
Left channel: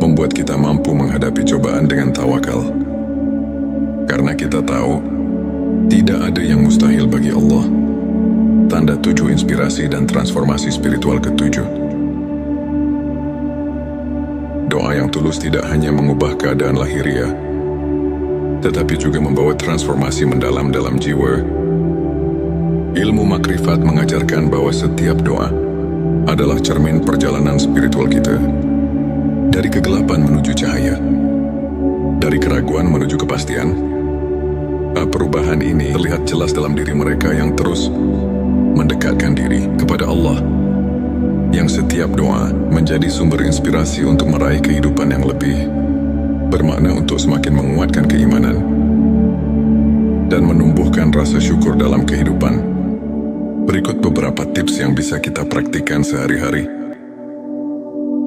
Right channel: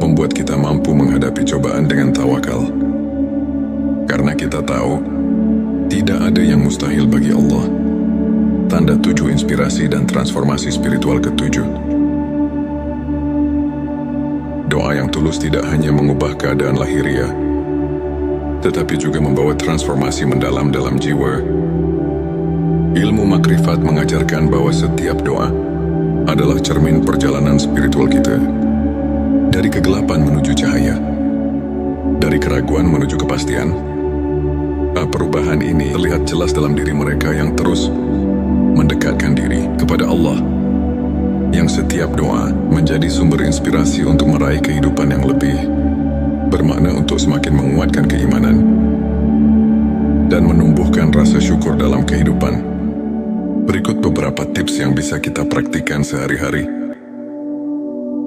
membuat kita mampu menghadapi cobaan dengan tawakal. Karena kita tahu, tidak ada yang mustahil bagi Allah. Tanda 7 inspirasi dan transformasi spiritual. Ketujuh, doa yang tulus tidak hanya mengubah keadaan lahiriah, tetapi juga membawa transformasi mendalam dalam jiwa. Ilmu makrifat mengajarkan bahwa setiap doa adalah cermin perjalanan spiritual kita. Dari kegelapan menuju cahaya, dari keraguan menuju kepastian. Perubahan ini terlihat jelas dalam diri mereka yang terus mendekatkan diri kepada Allah, yang setiap doa menjadi sumber inspirasi untuk meraih kehidupan yang lebih bermakna, untuk semakin menguatkan keimanan dan menumbuhkan rasa syukur dalam kehidupan. Berikut beberapa tips yang bisa kita praktikkan sehari-hari.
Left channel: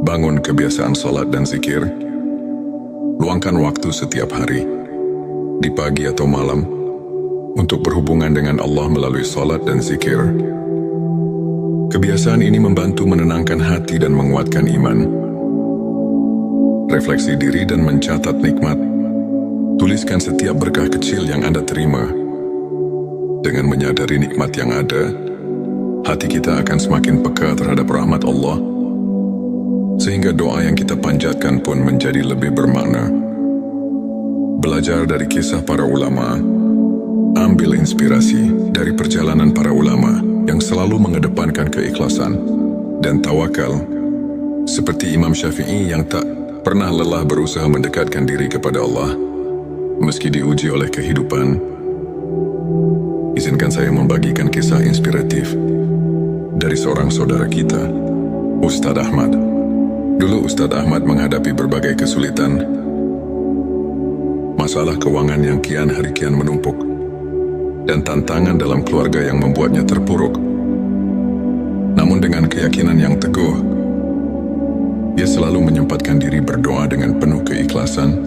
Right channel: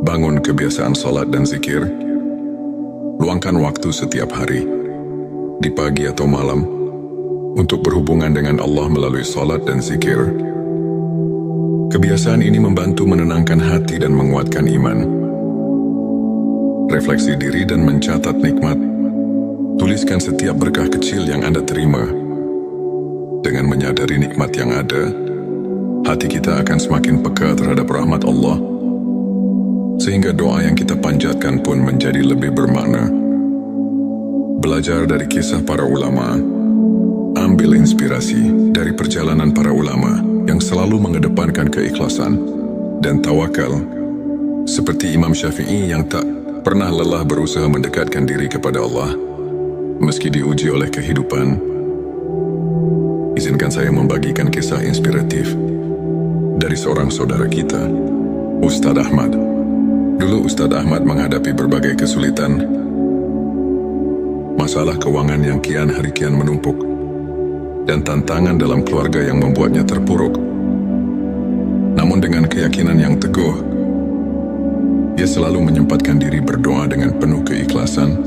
Bangun kebiasaan sholat dan zikir. luangkan waktu setiap hari, di pagi atau malam, untuk berhubungan dengan Allah melalui salat dan zikir. Kebiasaan ini membantu menenangkan hati dan menguatkan iman. Refleksi diri dan mencatat nikmat. Tuliskan setiap berkah kecil yang Anda terima. Dengan menyadari nikmat yang ada, hati kita akan semakin peka terhadap rahmat Allah, sehingga doa yang kita panjatkan pun menjadi lebih bermakna. Belajar dari kisah para ulama, ambil inspirasi dari perjalanan para ulama yang selalu mengedepankan keikhlasan dan tawakal, seperti Imam Syafi'i yang tak pernah lelah berusaha mendekatkan diri kepada Allah, meski diuji oleh kehidupan. Izinkan saya membagikan kisah inspiratif dari seorang saudara kita, Ustadz Ahmad. Dulu Ustadz Ahmad menghadapi berbagai kesulitan, masalah keuangan yang kian hari kian menumpuk, dan tantangan dalam keluarga yang membuatnya terpuruk. Namun dengan keyakinan yang teguh, dia selalu menyempatkan diri berdoa dengan penuh keikhlasan.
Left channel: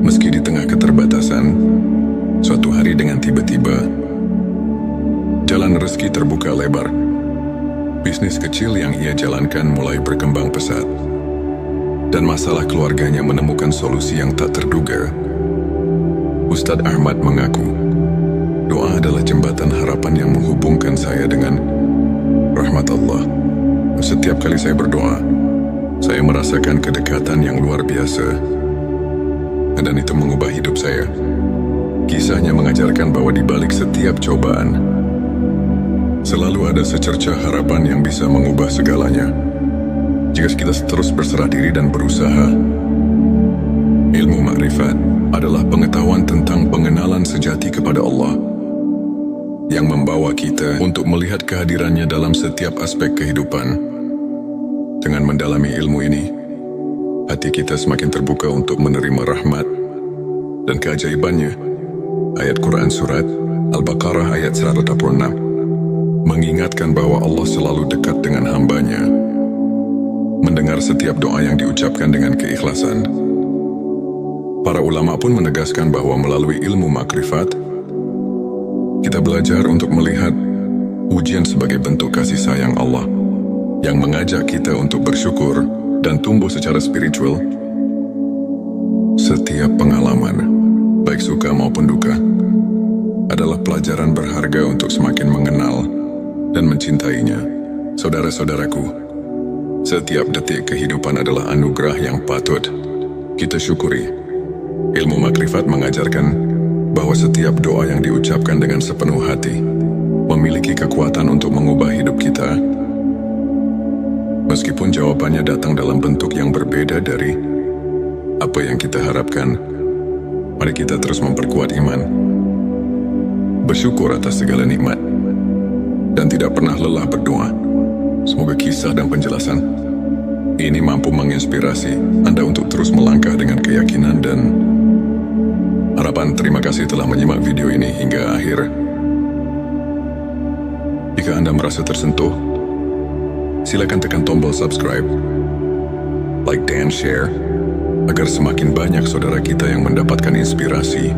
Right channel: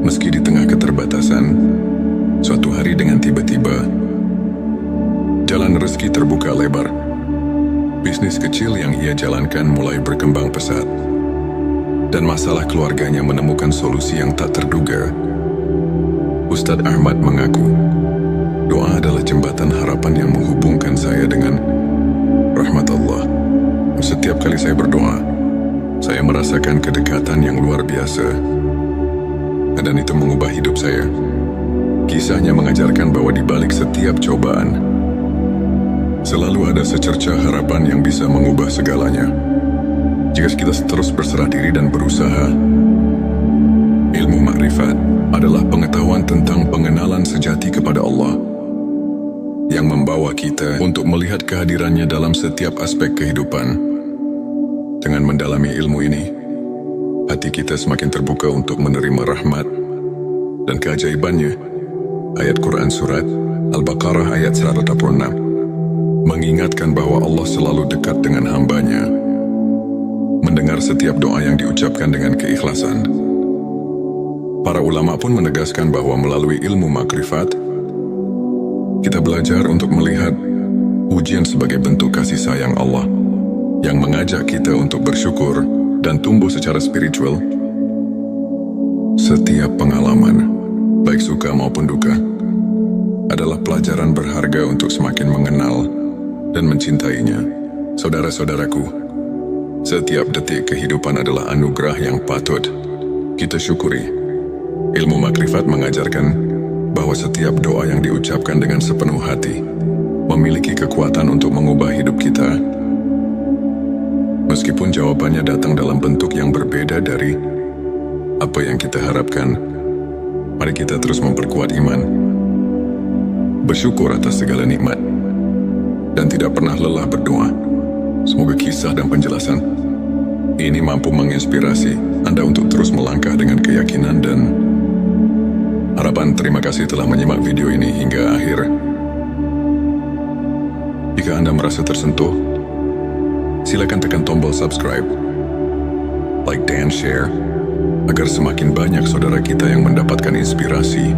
Meski di tengah keterbatasan, suatu hari dengan tiba-tiba, jalan rezeki terbuka lebar. Bisnis kecil yang ia jalankan mulai berkembang pesat, dan masalah keluarganya menemukan solusi yang tak terduga. Ustadz Ahmad mengaku, doa adalah jembatan harapan yang menghubungkan saya dengan rahmat Allah. Setiap kali saya berdoa, saya merasakan kedekatan yang luar biasa, dan itu mengubah hidup saya. Kisahnya mengajarkan bahwa di balik setiap cobaan, selalu ada secercah harapan yang bisa mengubah segalanya. Jika kita terus berserah diri dan berusaha. Ilmu makrifat adalah pengetahuan tentang pengenalan sejati kepada Allah, yang membawa kita untuk melihat kehadirannya dalam setiap aspek kehidupan. Dengan mendalami ilmu ini, hati kita semakin terbuka untuk menerima rahmat dan keajaibannya. Ayat Quran Surat Al-Baqarah ayat 186 mengingatkan bahwa Allah selalu dekat dengan hambanya, mendengar setiap doa yang diucapkan dengan keikhlasan. Para ulama pun menegaskan bahwa melalui ilmu makrifat, kita belajar untuk melihat ujian sebagai bentuk kasih sayang Allah yang mengajak kita untuk bersyukur dan tumbuh secara spiritual. Setiap pengalaman, baik suka maupun duka, adalah pelajaran berharga untuk semakin mengenal dan mencintainya. Saudara-saudaraku, setiap detik kehidupan adalah anugerah yang patut kita syukuri. Ilmu makrifat mengajarkan bahwa setiap doa yang diucapkan dengan sepenuh hati memiliki kekuatan untuk mengubah hidup kita. Meskipun jawabannya datang dalam bentuk yang berbeda dari apa yang kita harapkan, mari kita terus memperkuat iman, bersyukur atas segala nikmat, dan tidak pernah lelah berdoa. Semoga kisah dan penjelasan ini mampu menginspirasi Anda untuk terus melangkah dengan keyakinan dan harapan. Terima kasih telah menyimak video ini hingga akhir. Jika Anda merasa tersentuh, silakan tekan tombol subscribe, like dan share, agar semakin banyak saudara kita yang mendapatkan inspirasi.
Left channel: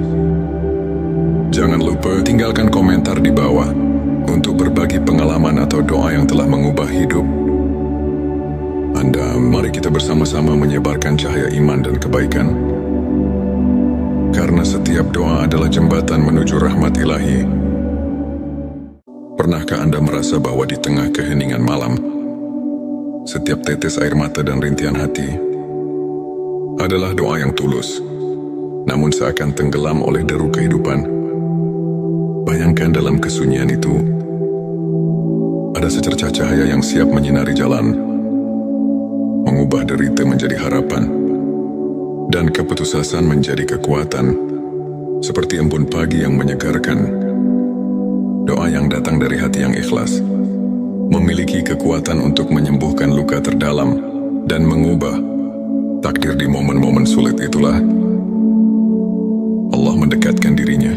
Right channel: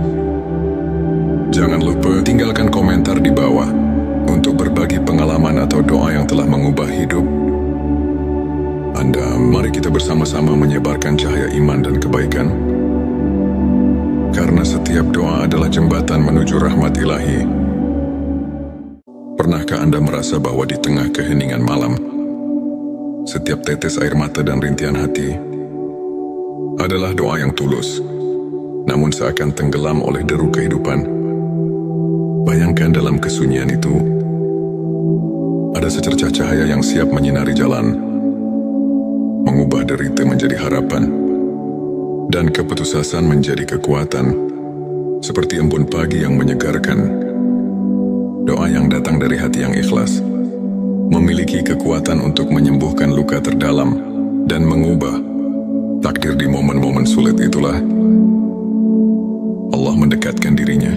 Jangan lupa tinggalkan komentar di bawah untuk berbagi pengalaman atau doa yang telah mengubah hidup Anda. Mari kita bersama-sama menyebarkan cahaya iman dan kebaikan, karena setiap doa adalah jembatan menuju rahmat ilahi. Pernahkah Anda merasa bahwa di tengah keheningan malam, setiap tetes air mata dan rintihan hati adalah doa yang tulus, namun seakan tenggelam oleh deru kehidupan? Bayangkan dalam kesunyian itu, ada secercah cahaya yang siap menyinari jalan, mengubah derita menjadi harapan, dan keputusasaan menjadi kekuatan, seperti embun pagi yang menyegarkan. Doa yang datang dari hati yang ikhlas memiliki kekuatan untuk menyembuhkan luka terdalam dan mengubah takdir di momen-momen sulit. Itulah Allah mendekatkan dirinya,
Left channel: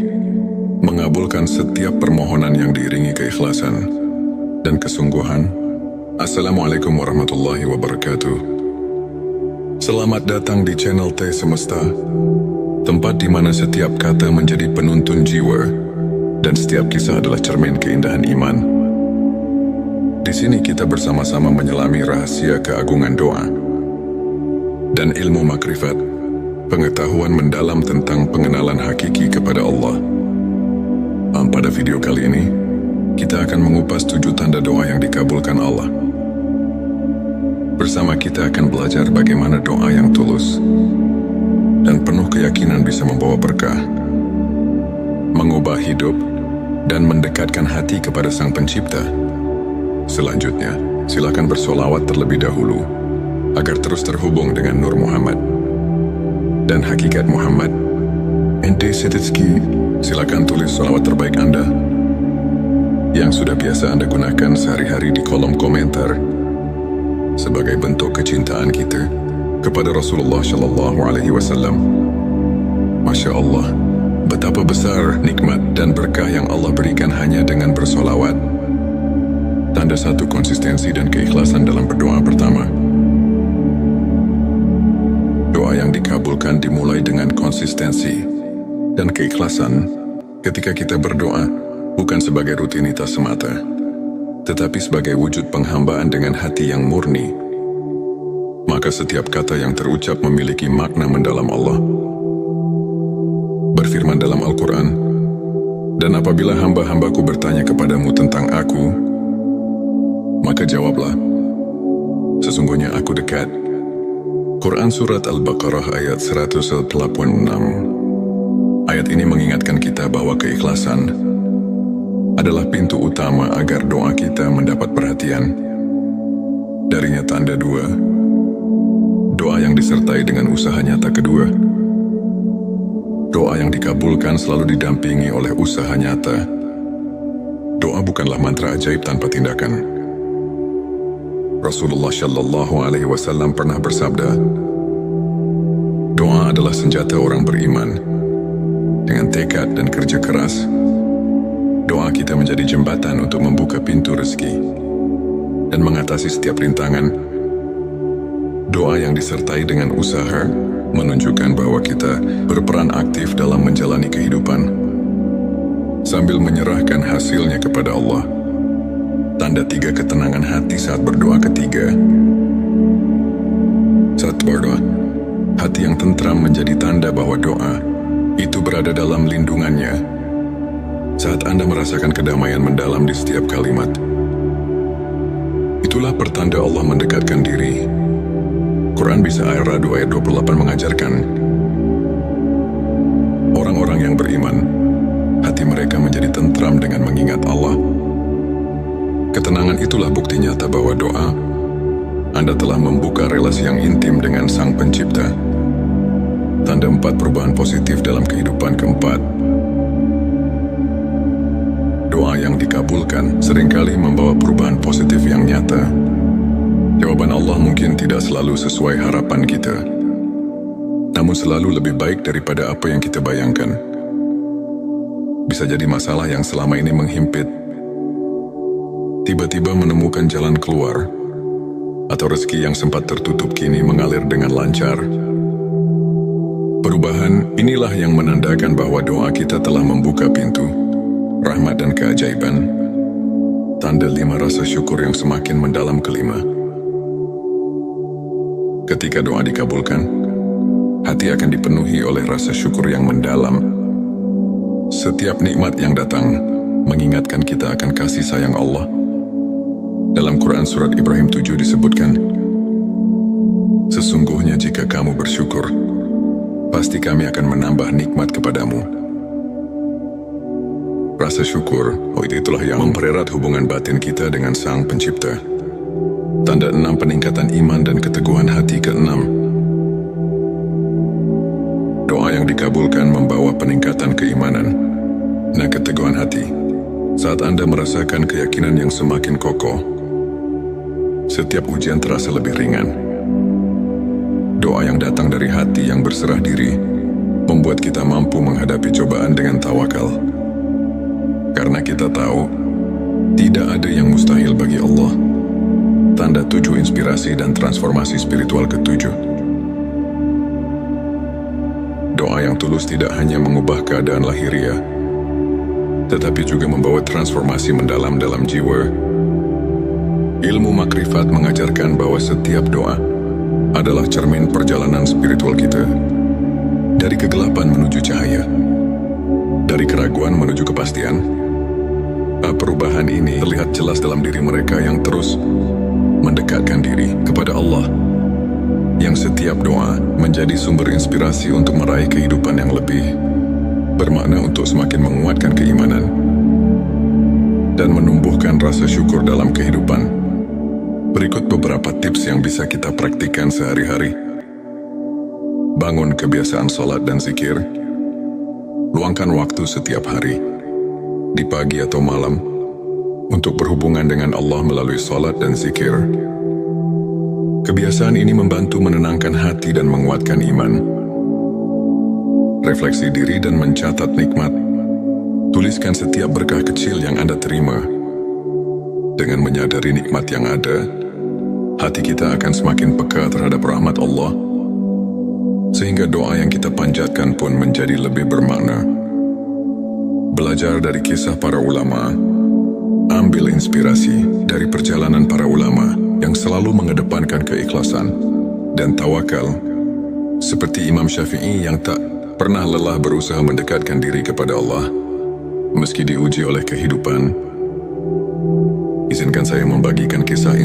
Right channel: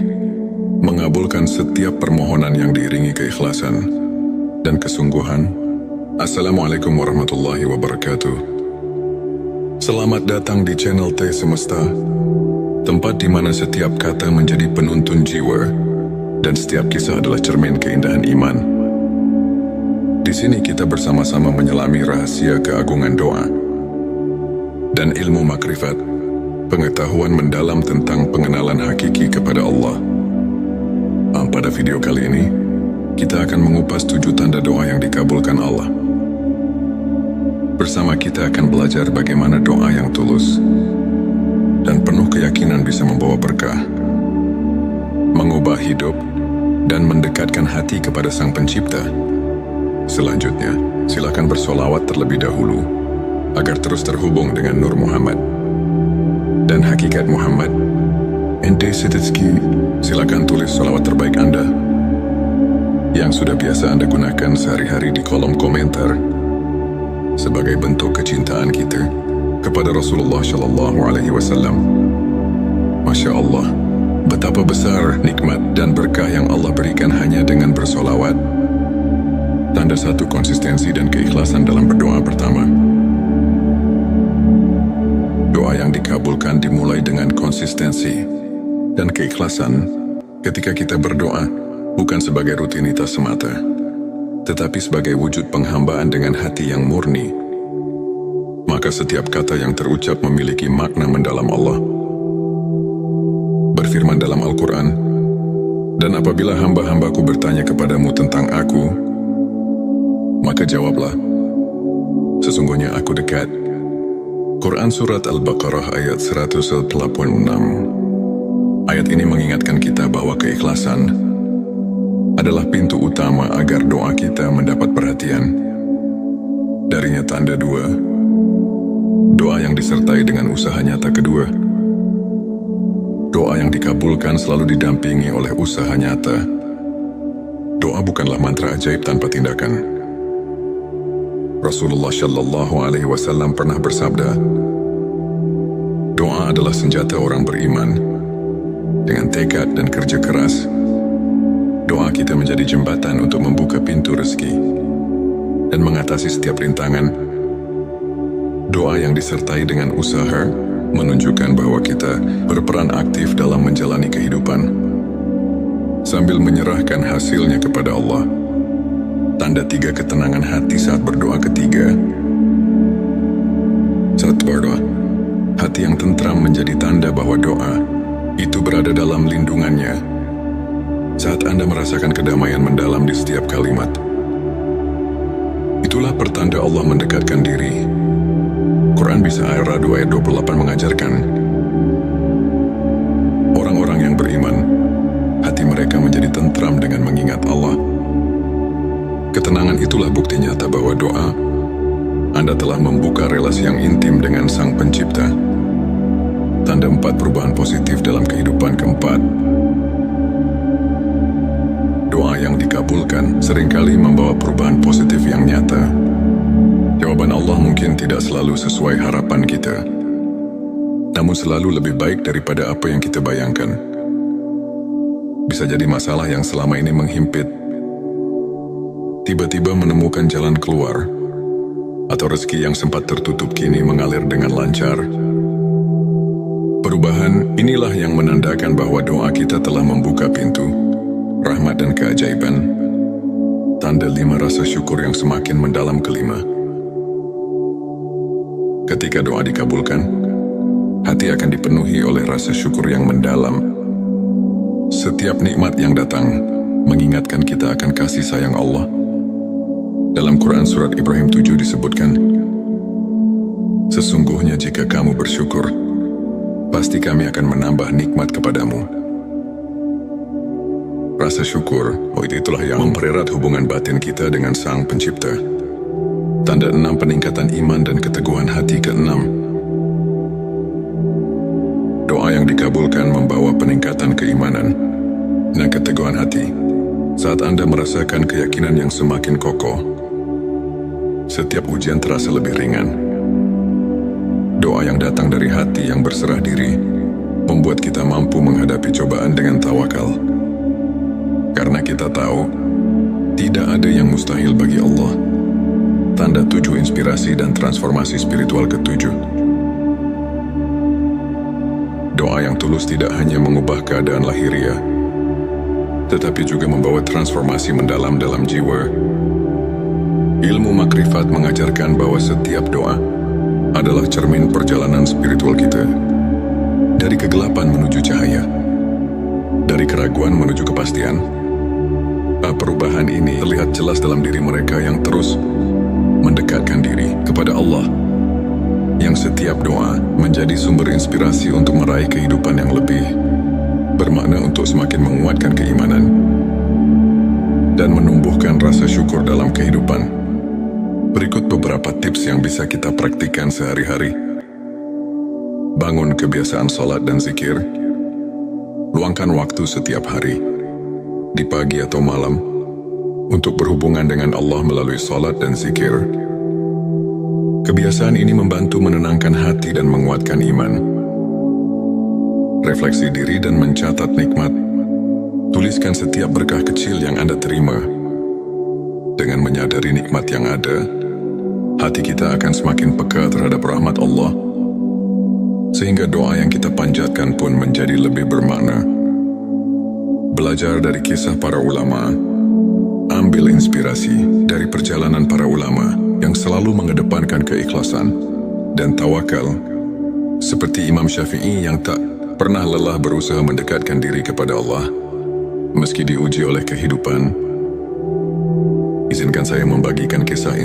mengabulkan setiap permohonan yang diiringi keikhlasan dan kesungguhan. Assalamualaikum warahmatullahi wabarakatuh. Selamat datang di channel T Semesta, tempat di mana setiap kata menjadi penuntun jiwa dan setiap kisah adalah cermin keindahan iman. Di sini kita bersama-sama menyelami rahasia keagungan doa dan ilmu makrifat, pengetahuan mendalam tentang pengenalan hakiki kepada Allah. Pada video kali ini, kita akan mengupas 7 tanda doa yang dikabulkan Allah. Bersama kita akan belajar bagaimana doa yang tulus dan penuh keyakinan bisa membawa berkah, mengubah hidup, dan mendekatkan hati kepada Sang Pencipta. Selanjutnya, silakan bersolawat terlebih dahulu agar terus terhubung dengan Nur Muhammad dan hakikat Muhammad. Ente Setitski, silakan tulis solawat terbaik Anda yang sudah biasa Anda gunakan sehari-hari di kolom komentar sebagai bentuk kecintaan kita kepada Rasulullah Shallallahu Alaihi Wasallam. Masya Allah, betapa besar nikmat dan berkah yang Allah berikan hanya dengan bersolawat. Tanda satu konsistensi dan keikhlasan dalam berdoa. Pertama, doa yang dikabulkan dimulai dengan konsistensi dan keikhlasan. Ketika kita berdoa, bukan sebagai rutinitas semata, tetapi sebagai wujud penghambaan dengan hati yang murni, maka setiap kata yang terucap memiliki makna mendalam. Allah berfirman dalam Al-Quran, "Dan apabila hamba-hambaku bertanya kepadamu tentang aku, maka jawablah, sesungguhnya aku dekat." Quran Surat Al-Baqarah ayat 186. Ayat ini mengingatkan kita bahwa keikhlasan adalah pintu utama agar doa kita mendapat perhatian. Darinya tanda 2, doa yang disertai dengan usaha nyata. Kedua, doa yang dikabulkan selalu didampingi oleh usaha nyata. Doa bukanlah mantra ajaib tanpa tindakan. Rasulullah Shallallahu Alaihi Wasallam pernah bersabda, doa adalah senjata orang beriman. Dengan tekad dan kerja keras, doa kita menjadi jembatan untuk membuka pintu rezeki dan mengatasi setiap rintangan. Doa yang disertai dengan usaha menunjukkan bahwa kita berperan aktif dalam menjalani kehidupan sambil menyerahkan hasilnya kepada Allah. Tanda 3 ketenangan hati saat berdoa. Ketiga, saat berdoa, hati yang tentram menjadi tanda bahwa doa itu berada dalam lindungannya. Saat Anda merasakan kedamaian mendalam di setiap kalimat, itulah pertanda Allah mendekatkan diri. Quran Bisa Ar-Ra'd ayat 28 mengajarkan, orang-orang yang beriman, hati mereka menjadi tentram dengan mengingat Allah. Ketenangan itulah bukti nyata bahwa doa Anda telah membuka relasi yang intim dengan Sang Pencipta. Tanda 4 perubahan positif dalam kehidupan. Keempat, doa yang dikabulkan seringkali membawa perubahan positif yang nyata. Jawaban Allah mungkin tidak selalu sesuai harapan kita, namun selalu lebih baik daripada apa yang kita bayangkan. Bisa jadi masalah yang selama ini menghimpit tiba-tiba menemukan jalan keluar, atau rezeki yang sempat tertutup kini mengalir dengan lancar. Perubahan inilah yang menandakan bahwa doa kita telah membuka pintu rahmat dan keajaiban. Tanda 5 rasa syukur yang semakin mendalam. Kelima, ketika doa dikabulkan, hati akan dipenuhi oleh rasa syukur yang mendalam. Setiap nikmat yang datang mengingatkan kita akan kasih sayang Allah. Dalam Quran Surat Ibrahim 7 disebutkan, sesungguhnya jika kamu bersyukur, pasti kami akan menambah nikmat kepadamu. Rasa syukur, itulah yang mempererat hubungan batin kita dengan Sang Pencipta. Tanda 6 peningkatan iman dan keteguhan hati. Keenam, doa yang dikabulkan membawa peningkatan keimanan dan keteguhan hati. Saat Anda merasakan keyakinan yang semakin kokoh, setiap ujian terasa lebih ringan. Doa yang datang dari hati yang berserah diri membuat kita mampu menghadapi cobaan dengan tawakal. Karena kita tahu, tidak ada yang mustahil bagi Allah. Tanda 7 inspirasi dan transformasi spiritual. Ketujuh, doa yang tulus tidak hanya mengubah keadaan lahiriah, tetapi juga membawa transformasi mendalam dalam jiwa. Ilmu makrifat mengajarkan bahwa setiap doa adalah cermin perjalanan spiritual kita. Dari kegelapan menuju cahaya, dari keraguan menuju kepastian. Perubahan ini terlihat jelas dalam diri mereka yang terus mendekatkan diri kepada Allah, yang setiap doa menjadi sumber inspirasi untuk meraih kehidupan yang lebih bermakna, untuk semakin menguatkan keimanan dan menumbuhkan rasa syukur dalam kehidupan. Berikut beberapa tips yang bisa kita praktikkan sehari-hari. Bangun kebiasaan sholat dan zikir. Luangkan waktu setiap hari, di pagi atau malam, untuk berhubungan dengan Allah melalui sholat dan zikir. Kebiasaan ini membantu menenangkan hati dan menguatkan iman. Refleksi diri dan mencatat nikmat. Tuliskan setiap berkah kecil yang Anda terima. Dengan menyadari nikmat yang ada, hati kita akan semakin peka terhadap rahmat Allah, sehingga doa yang kita panjatkan pun menjadi lebih bermakna. Belajar dari kisah para ulama. Ambil inspirasi dari perjalanan para ulama yang selalu mengedepankan keikhlasan dan tawakal, seperti Imam Syafi'i yang tak pernah lelah berusaha mendekatkan diri kepada Allah meski diuji oleh kehidupan. Izinkan saya membagikan kisah